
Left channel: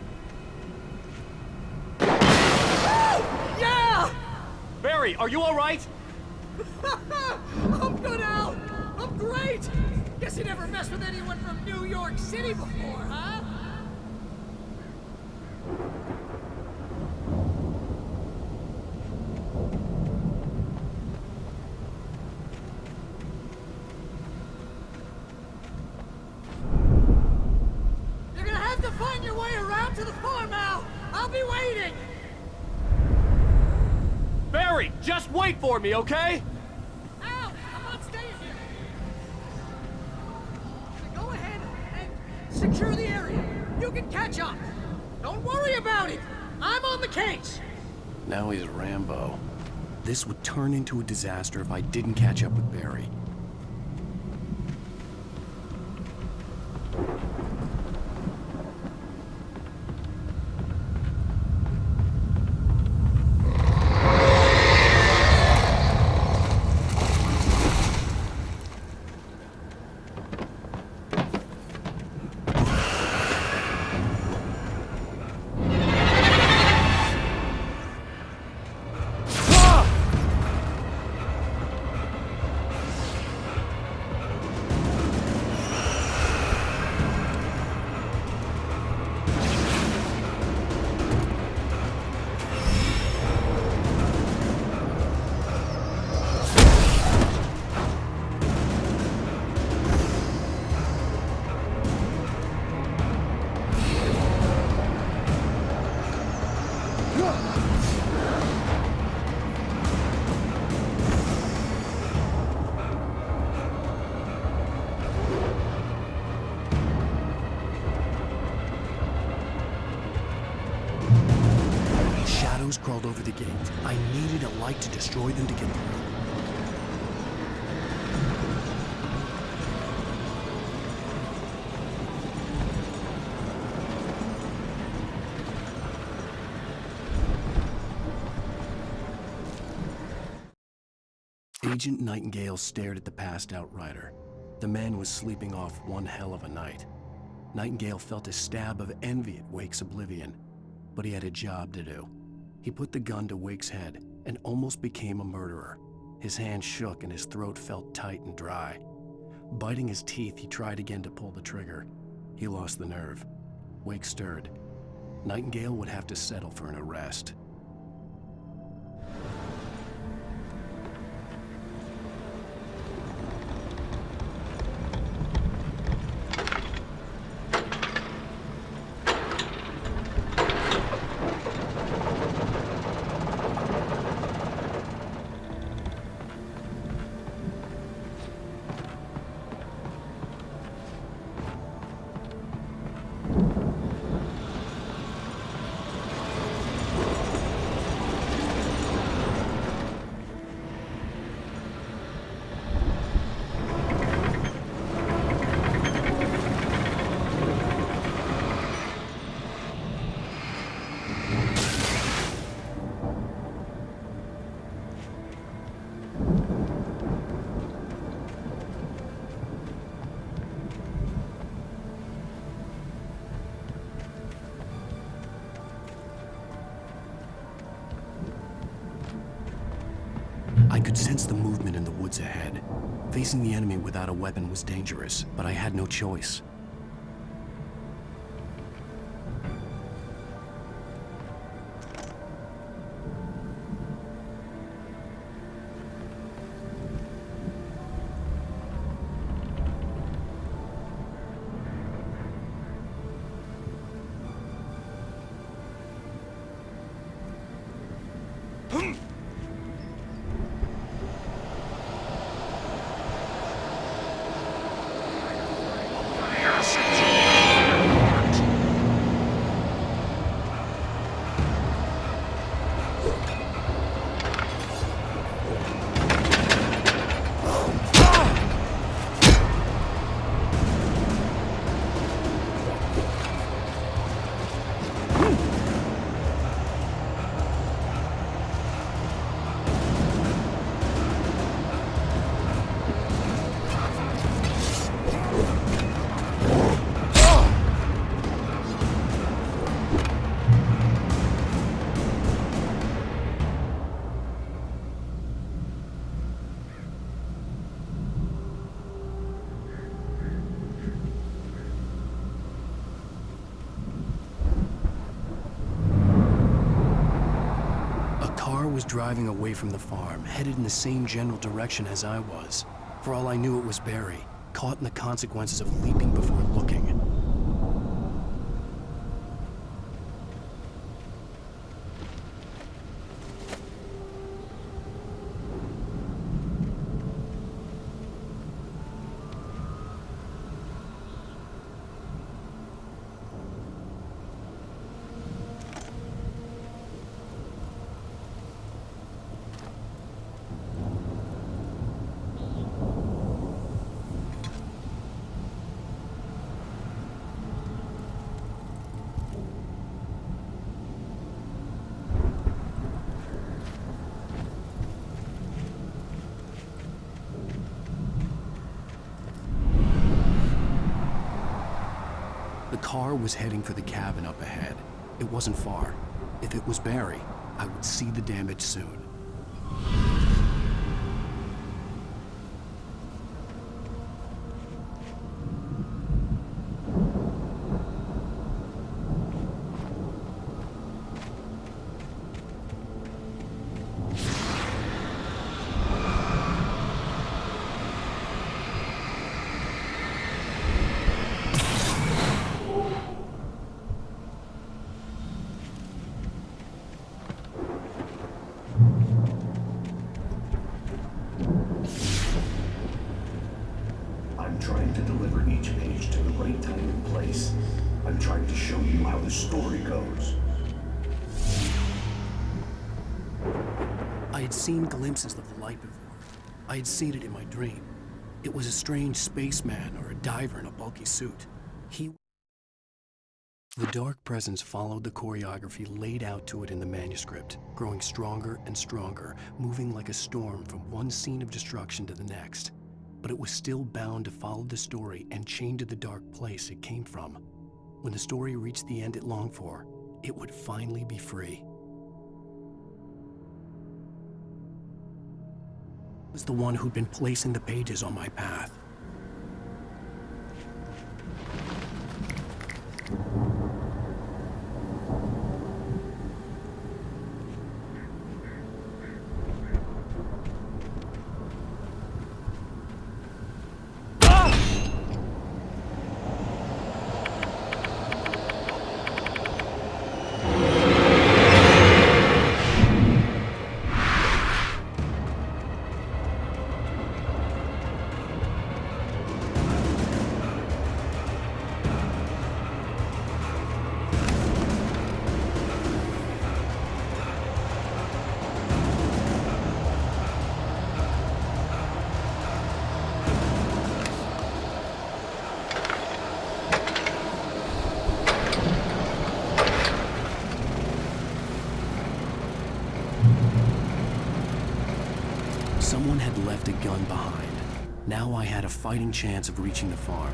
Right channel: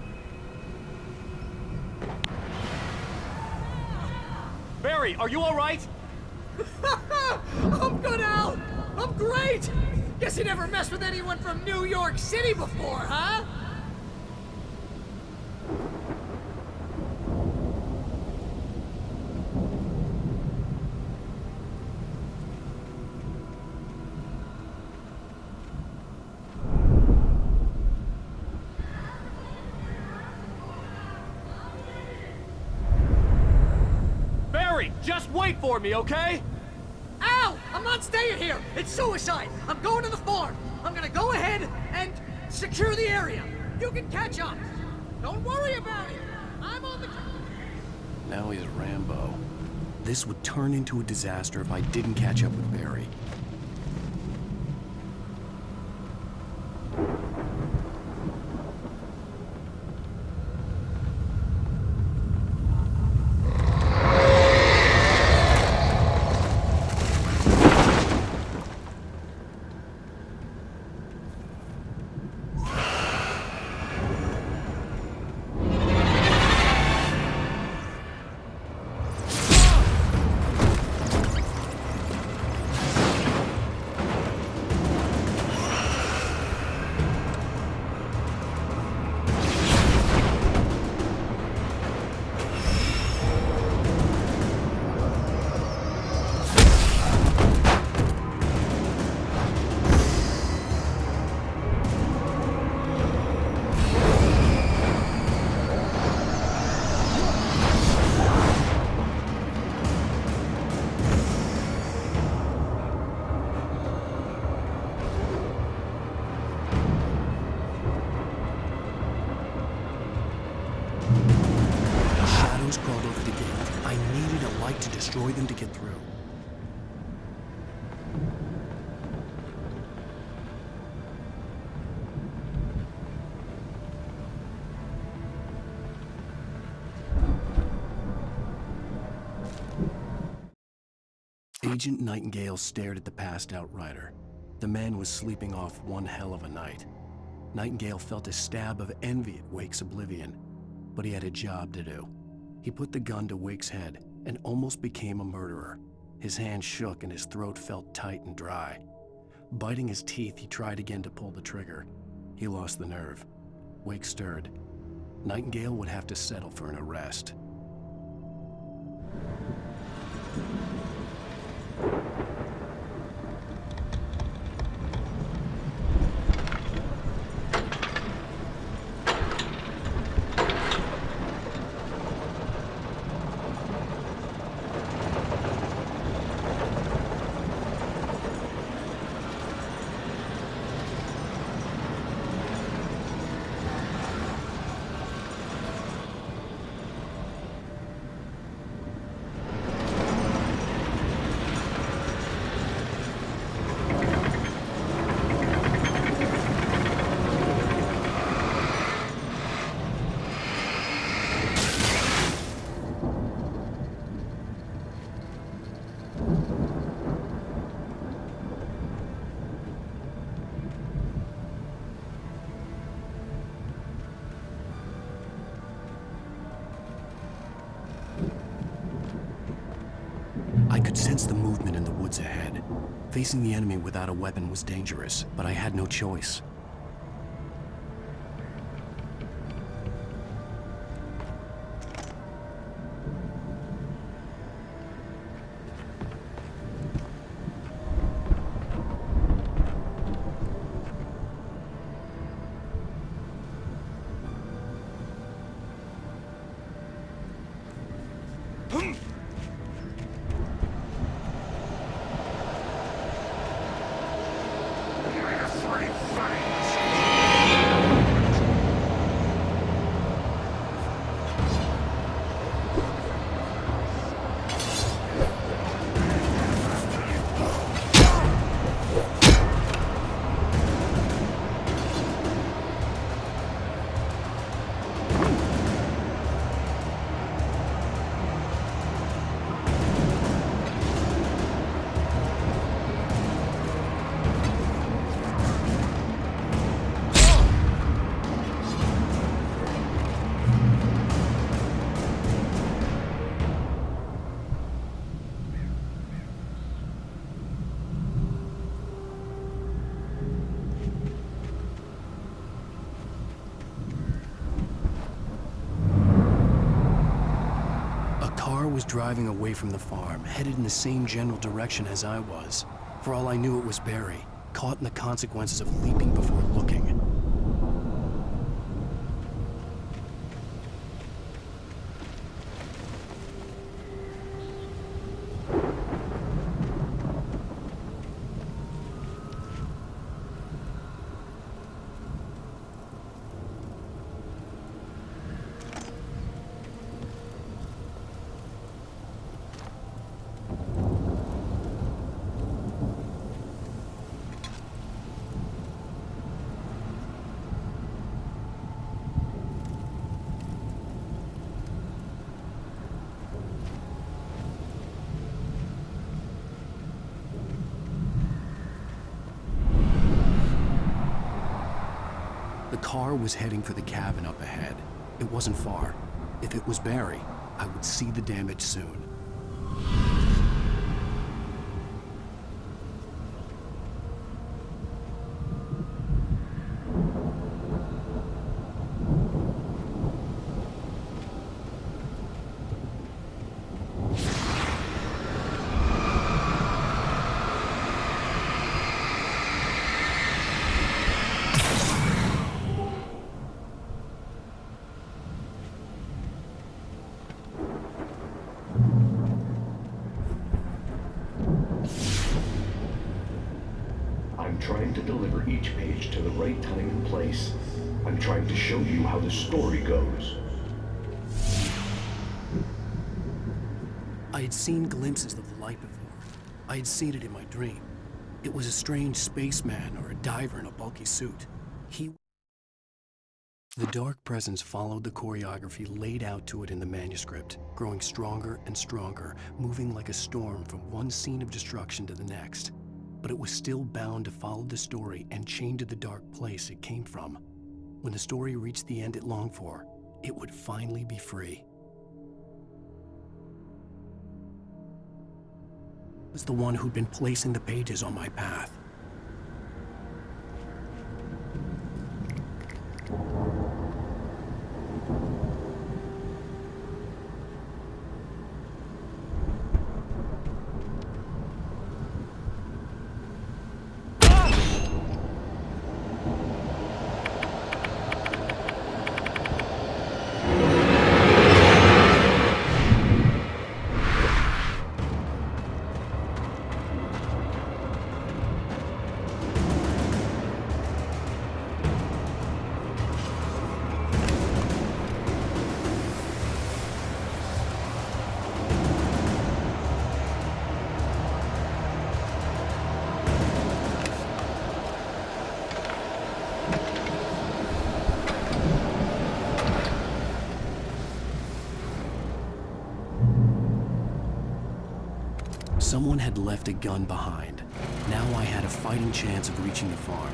Yeah! Barry, are you alright? I'm good, Al! I'm great! Guess you never messed with anyone from New York City before, huh? Just wait for me, okay? Al! I'm not staying here! It's suicide! I'm going to the farm! I'm gonna go ahead and secure the area! You can catch up! Don't worry about it! I'm on the case! Now he's Rambo. This would turn into a disaster if I didn't catch up with Barry. I needed a light to destroy them to get through. Agent Nightingale stared at the passed-out rider. The man was sleeping off one hell of a night. Nightingale felt a stab of envy at Wake's oblivion, but he had a job to do. He put the gun to Wake's head and almost became a murderer. His hand shook and his throat felt tight and dry. Biting his teeth, he tried again to pull the trigger. He lost the nerve. Wake stirred. Nightingale would have to settle for an arrest. I could sense the movement in the woods ahead. Facing the enemy without a weapon was dangerous, but I had no choice. Was driving away from the farm, headed in the same general direction as I was. For all I knew, it was Barry, caught in the consequences of leaping before looking. The car was heading for the cabin up ahead. It wasn't far. If it was Barry, I would see the damage soon. I'm trying to deliver each page to the right time and place. I'm trying to show you how the story goes. I had seen glimpses of the light before. I had seen it in my dream. It was a strange spaceman or a diver in a bulky suit. The dark presence followed the choreography laid out to it in the manuscript, growing stronger and stronger, moving like a storm from one scene of destruction to the next. But it was still bound to follow the story and chained to the dark place it came from. When the story reached the end it longed for, it would finally be free. I was the one who'd been placing the pages on my path. Someone had left a gun behind. Now I had a fighting chance of reaching the farm.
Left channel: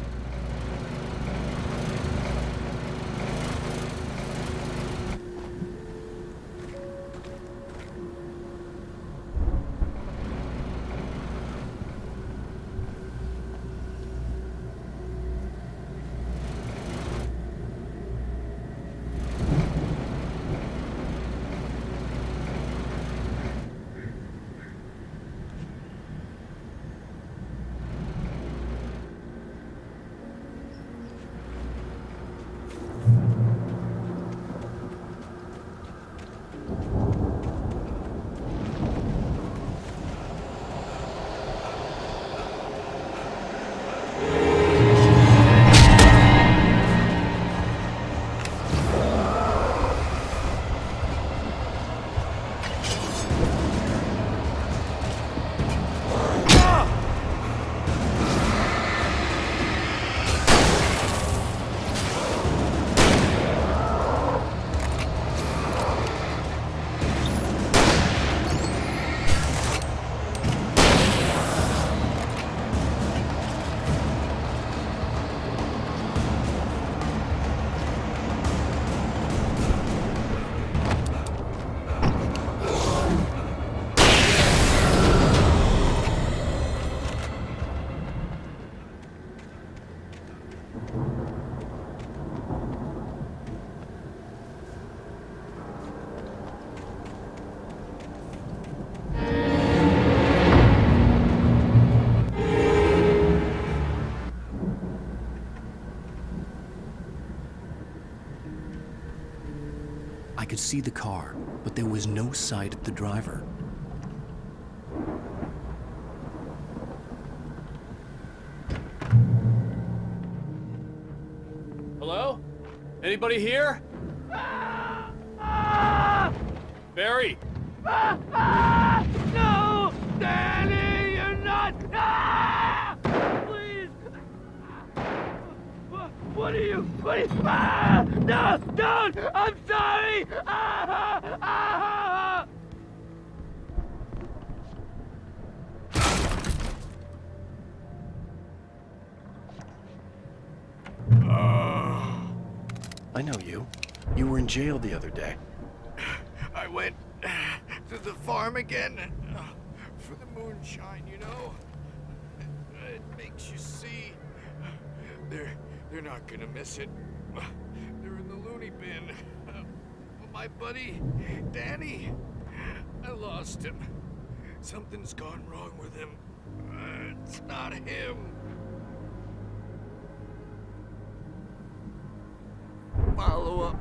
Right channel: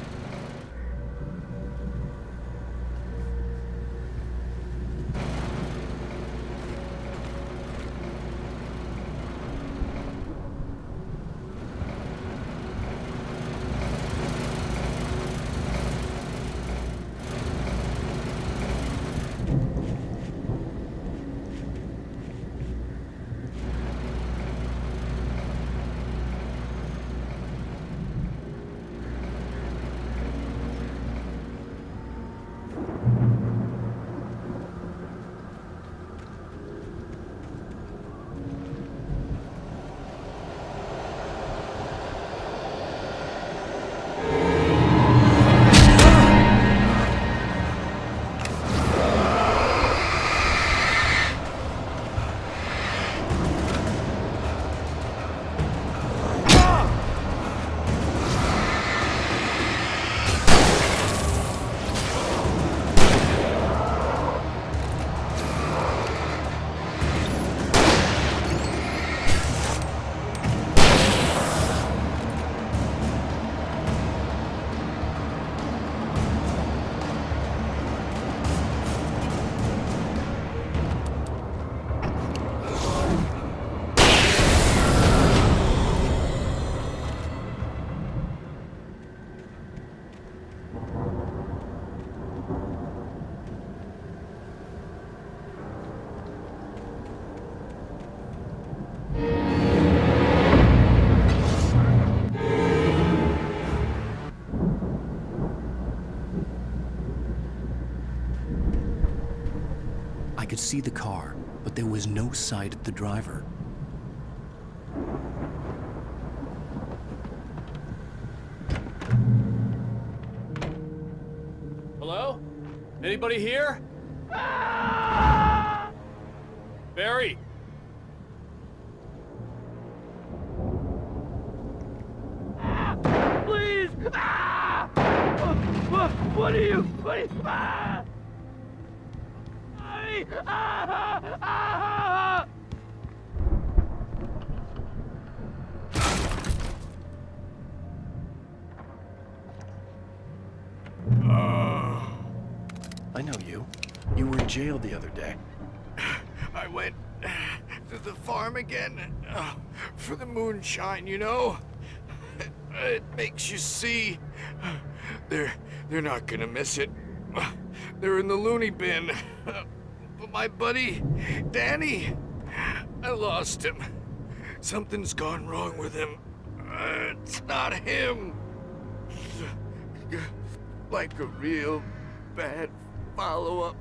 I could see the car, but there was no sight of the driver. Hello? Anybody here? Barry! No! Danny, you're not! Please! What are you? No! Don't! I'm sorry! I know you. You were in jail the other day. I went to the farm again for the moonshine, you know? It makes you see. They're not gonna miss it. They're in the loony bin. But my buddy, Danny, I lost him. Something's gone wrong with him. It's not him. Like a real bad follow-up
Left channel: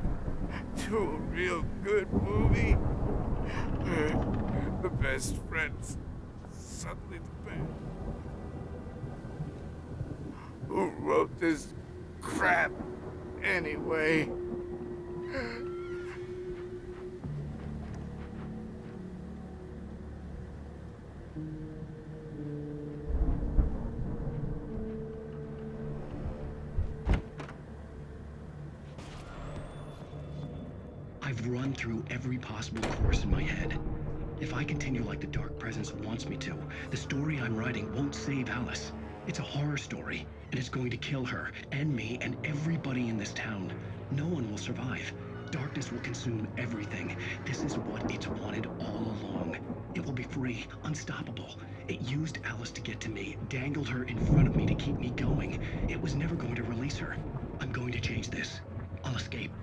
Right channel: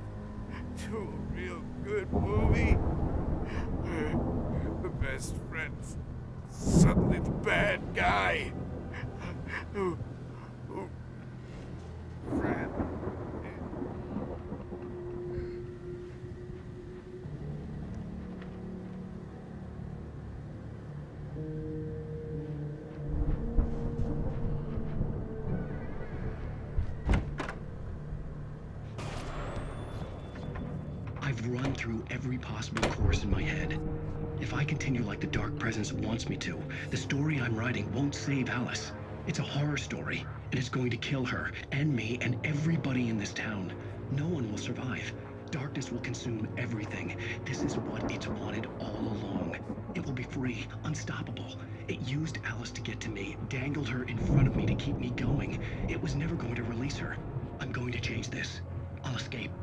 to a real good movie. The best friend's suddenly the bad guy. Who wrote this crap anyway? I've run through every possible course in my head. If I continue like the Dark Presence wants me to, the story I'm writing won't save Alice. It's a horror story, and it's going to kill her, and me, and everybody in this town. No one will survive. Darkness will consume everything. This is what it's wanted all along. It will be free, unstoppable. It used Alice to get to me, dangled her in front of me to keep me going. It was never going to release her. I'm going to change this. I'll escape.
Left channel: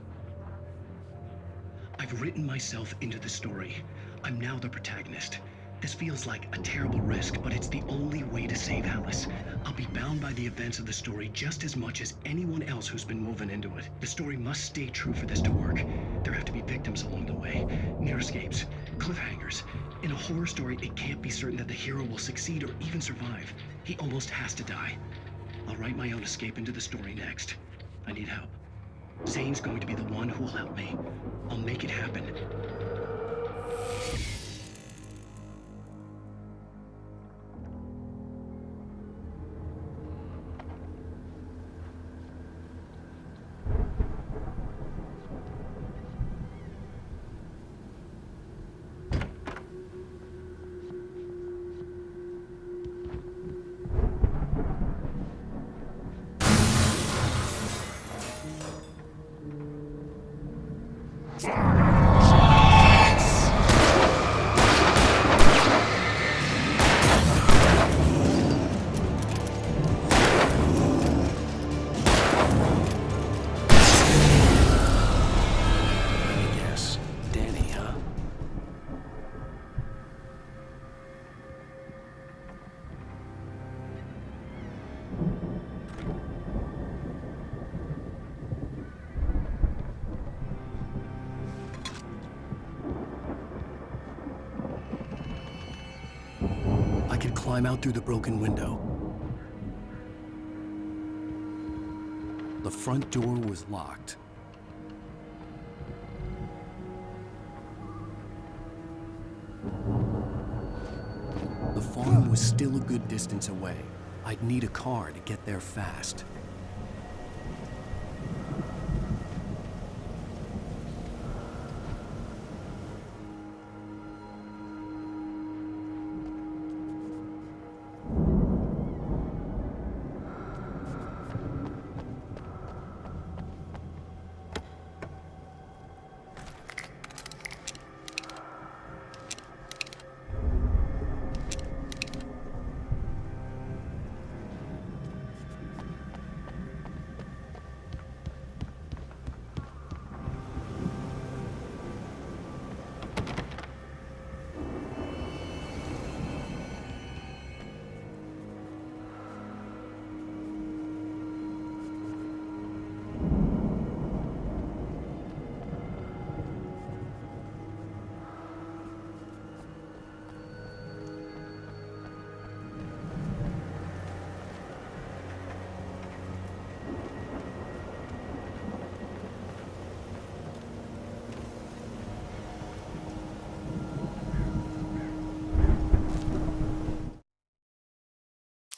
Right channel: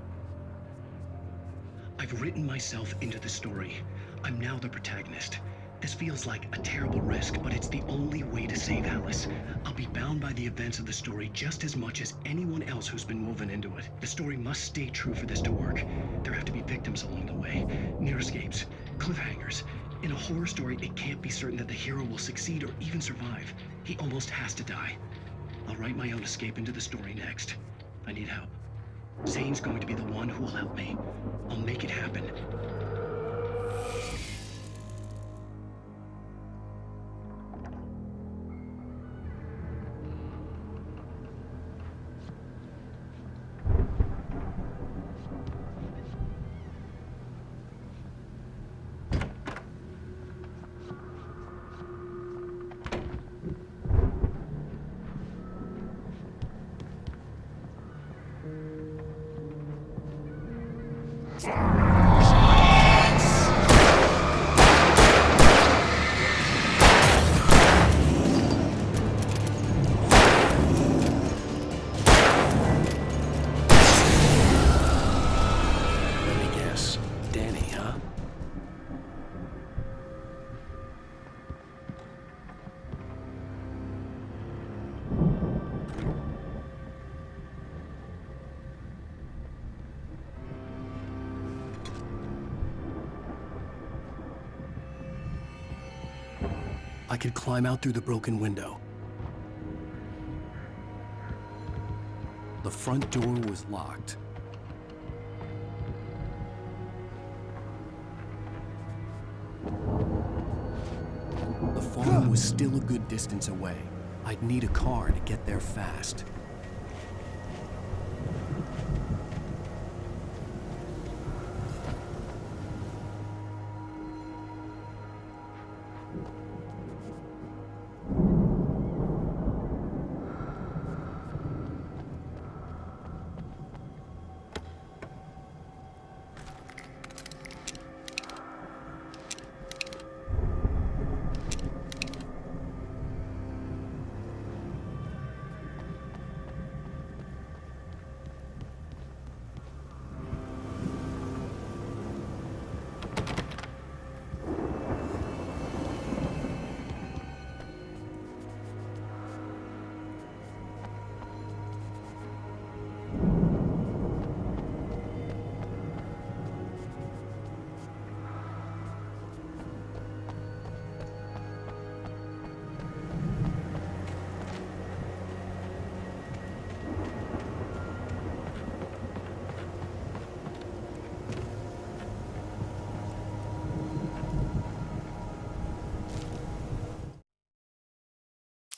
I've written myself into the story. I'm now the protagonist. This feels like a terrible risk, but it's the only way to save Alice. I'll be bound by the events of the story just as much as anyone else who's been woven into it. The story must stay true for this to work. There have to be victims along the way, near escapes, cliffhangers. In a horror story, it can't be certain that the hero will succeed or even survive. He almost has to die. I'll write my own escape into the story next. I need help. Zane's going to be the one who will help me. I'll make it happen. Let me guess. Danny, huh? I could climb out through the broken window. The front door was locked. The farm was still a good distance away. I'd need a car to get there fast.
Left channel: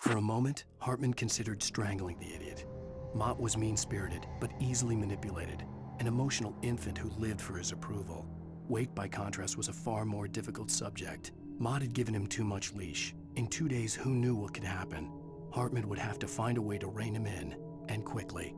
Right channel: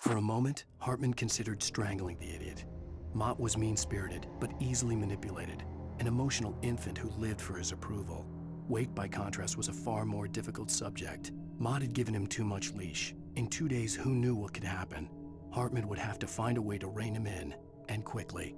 For a moment, Hartman considered strangling the idiot. Mott was mean-spirited, but easily manipulated, an emotional infant who lived for his approval. Wake, by contrast, was a far more difficult subject. Mott had given him too much leash. In 2 days, who knew what could happen? Hartman would have to find a way to rein him in, and quickly.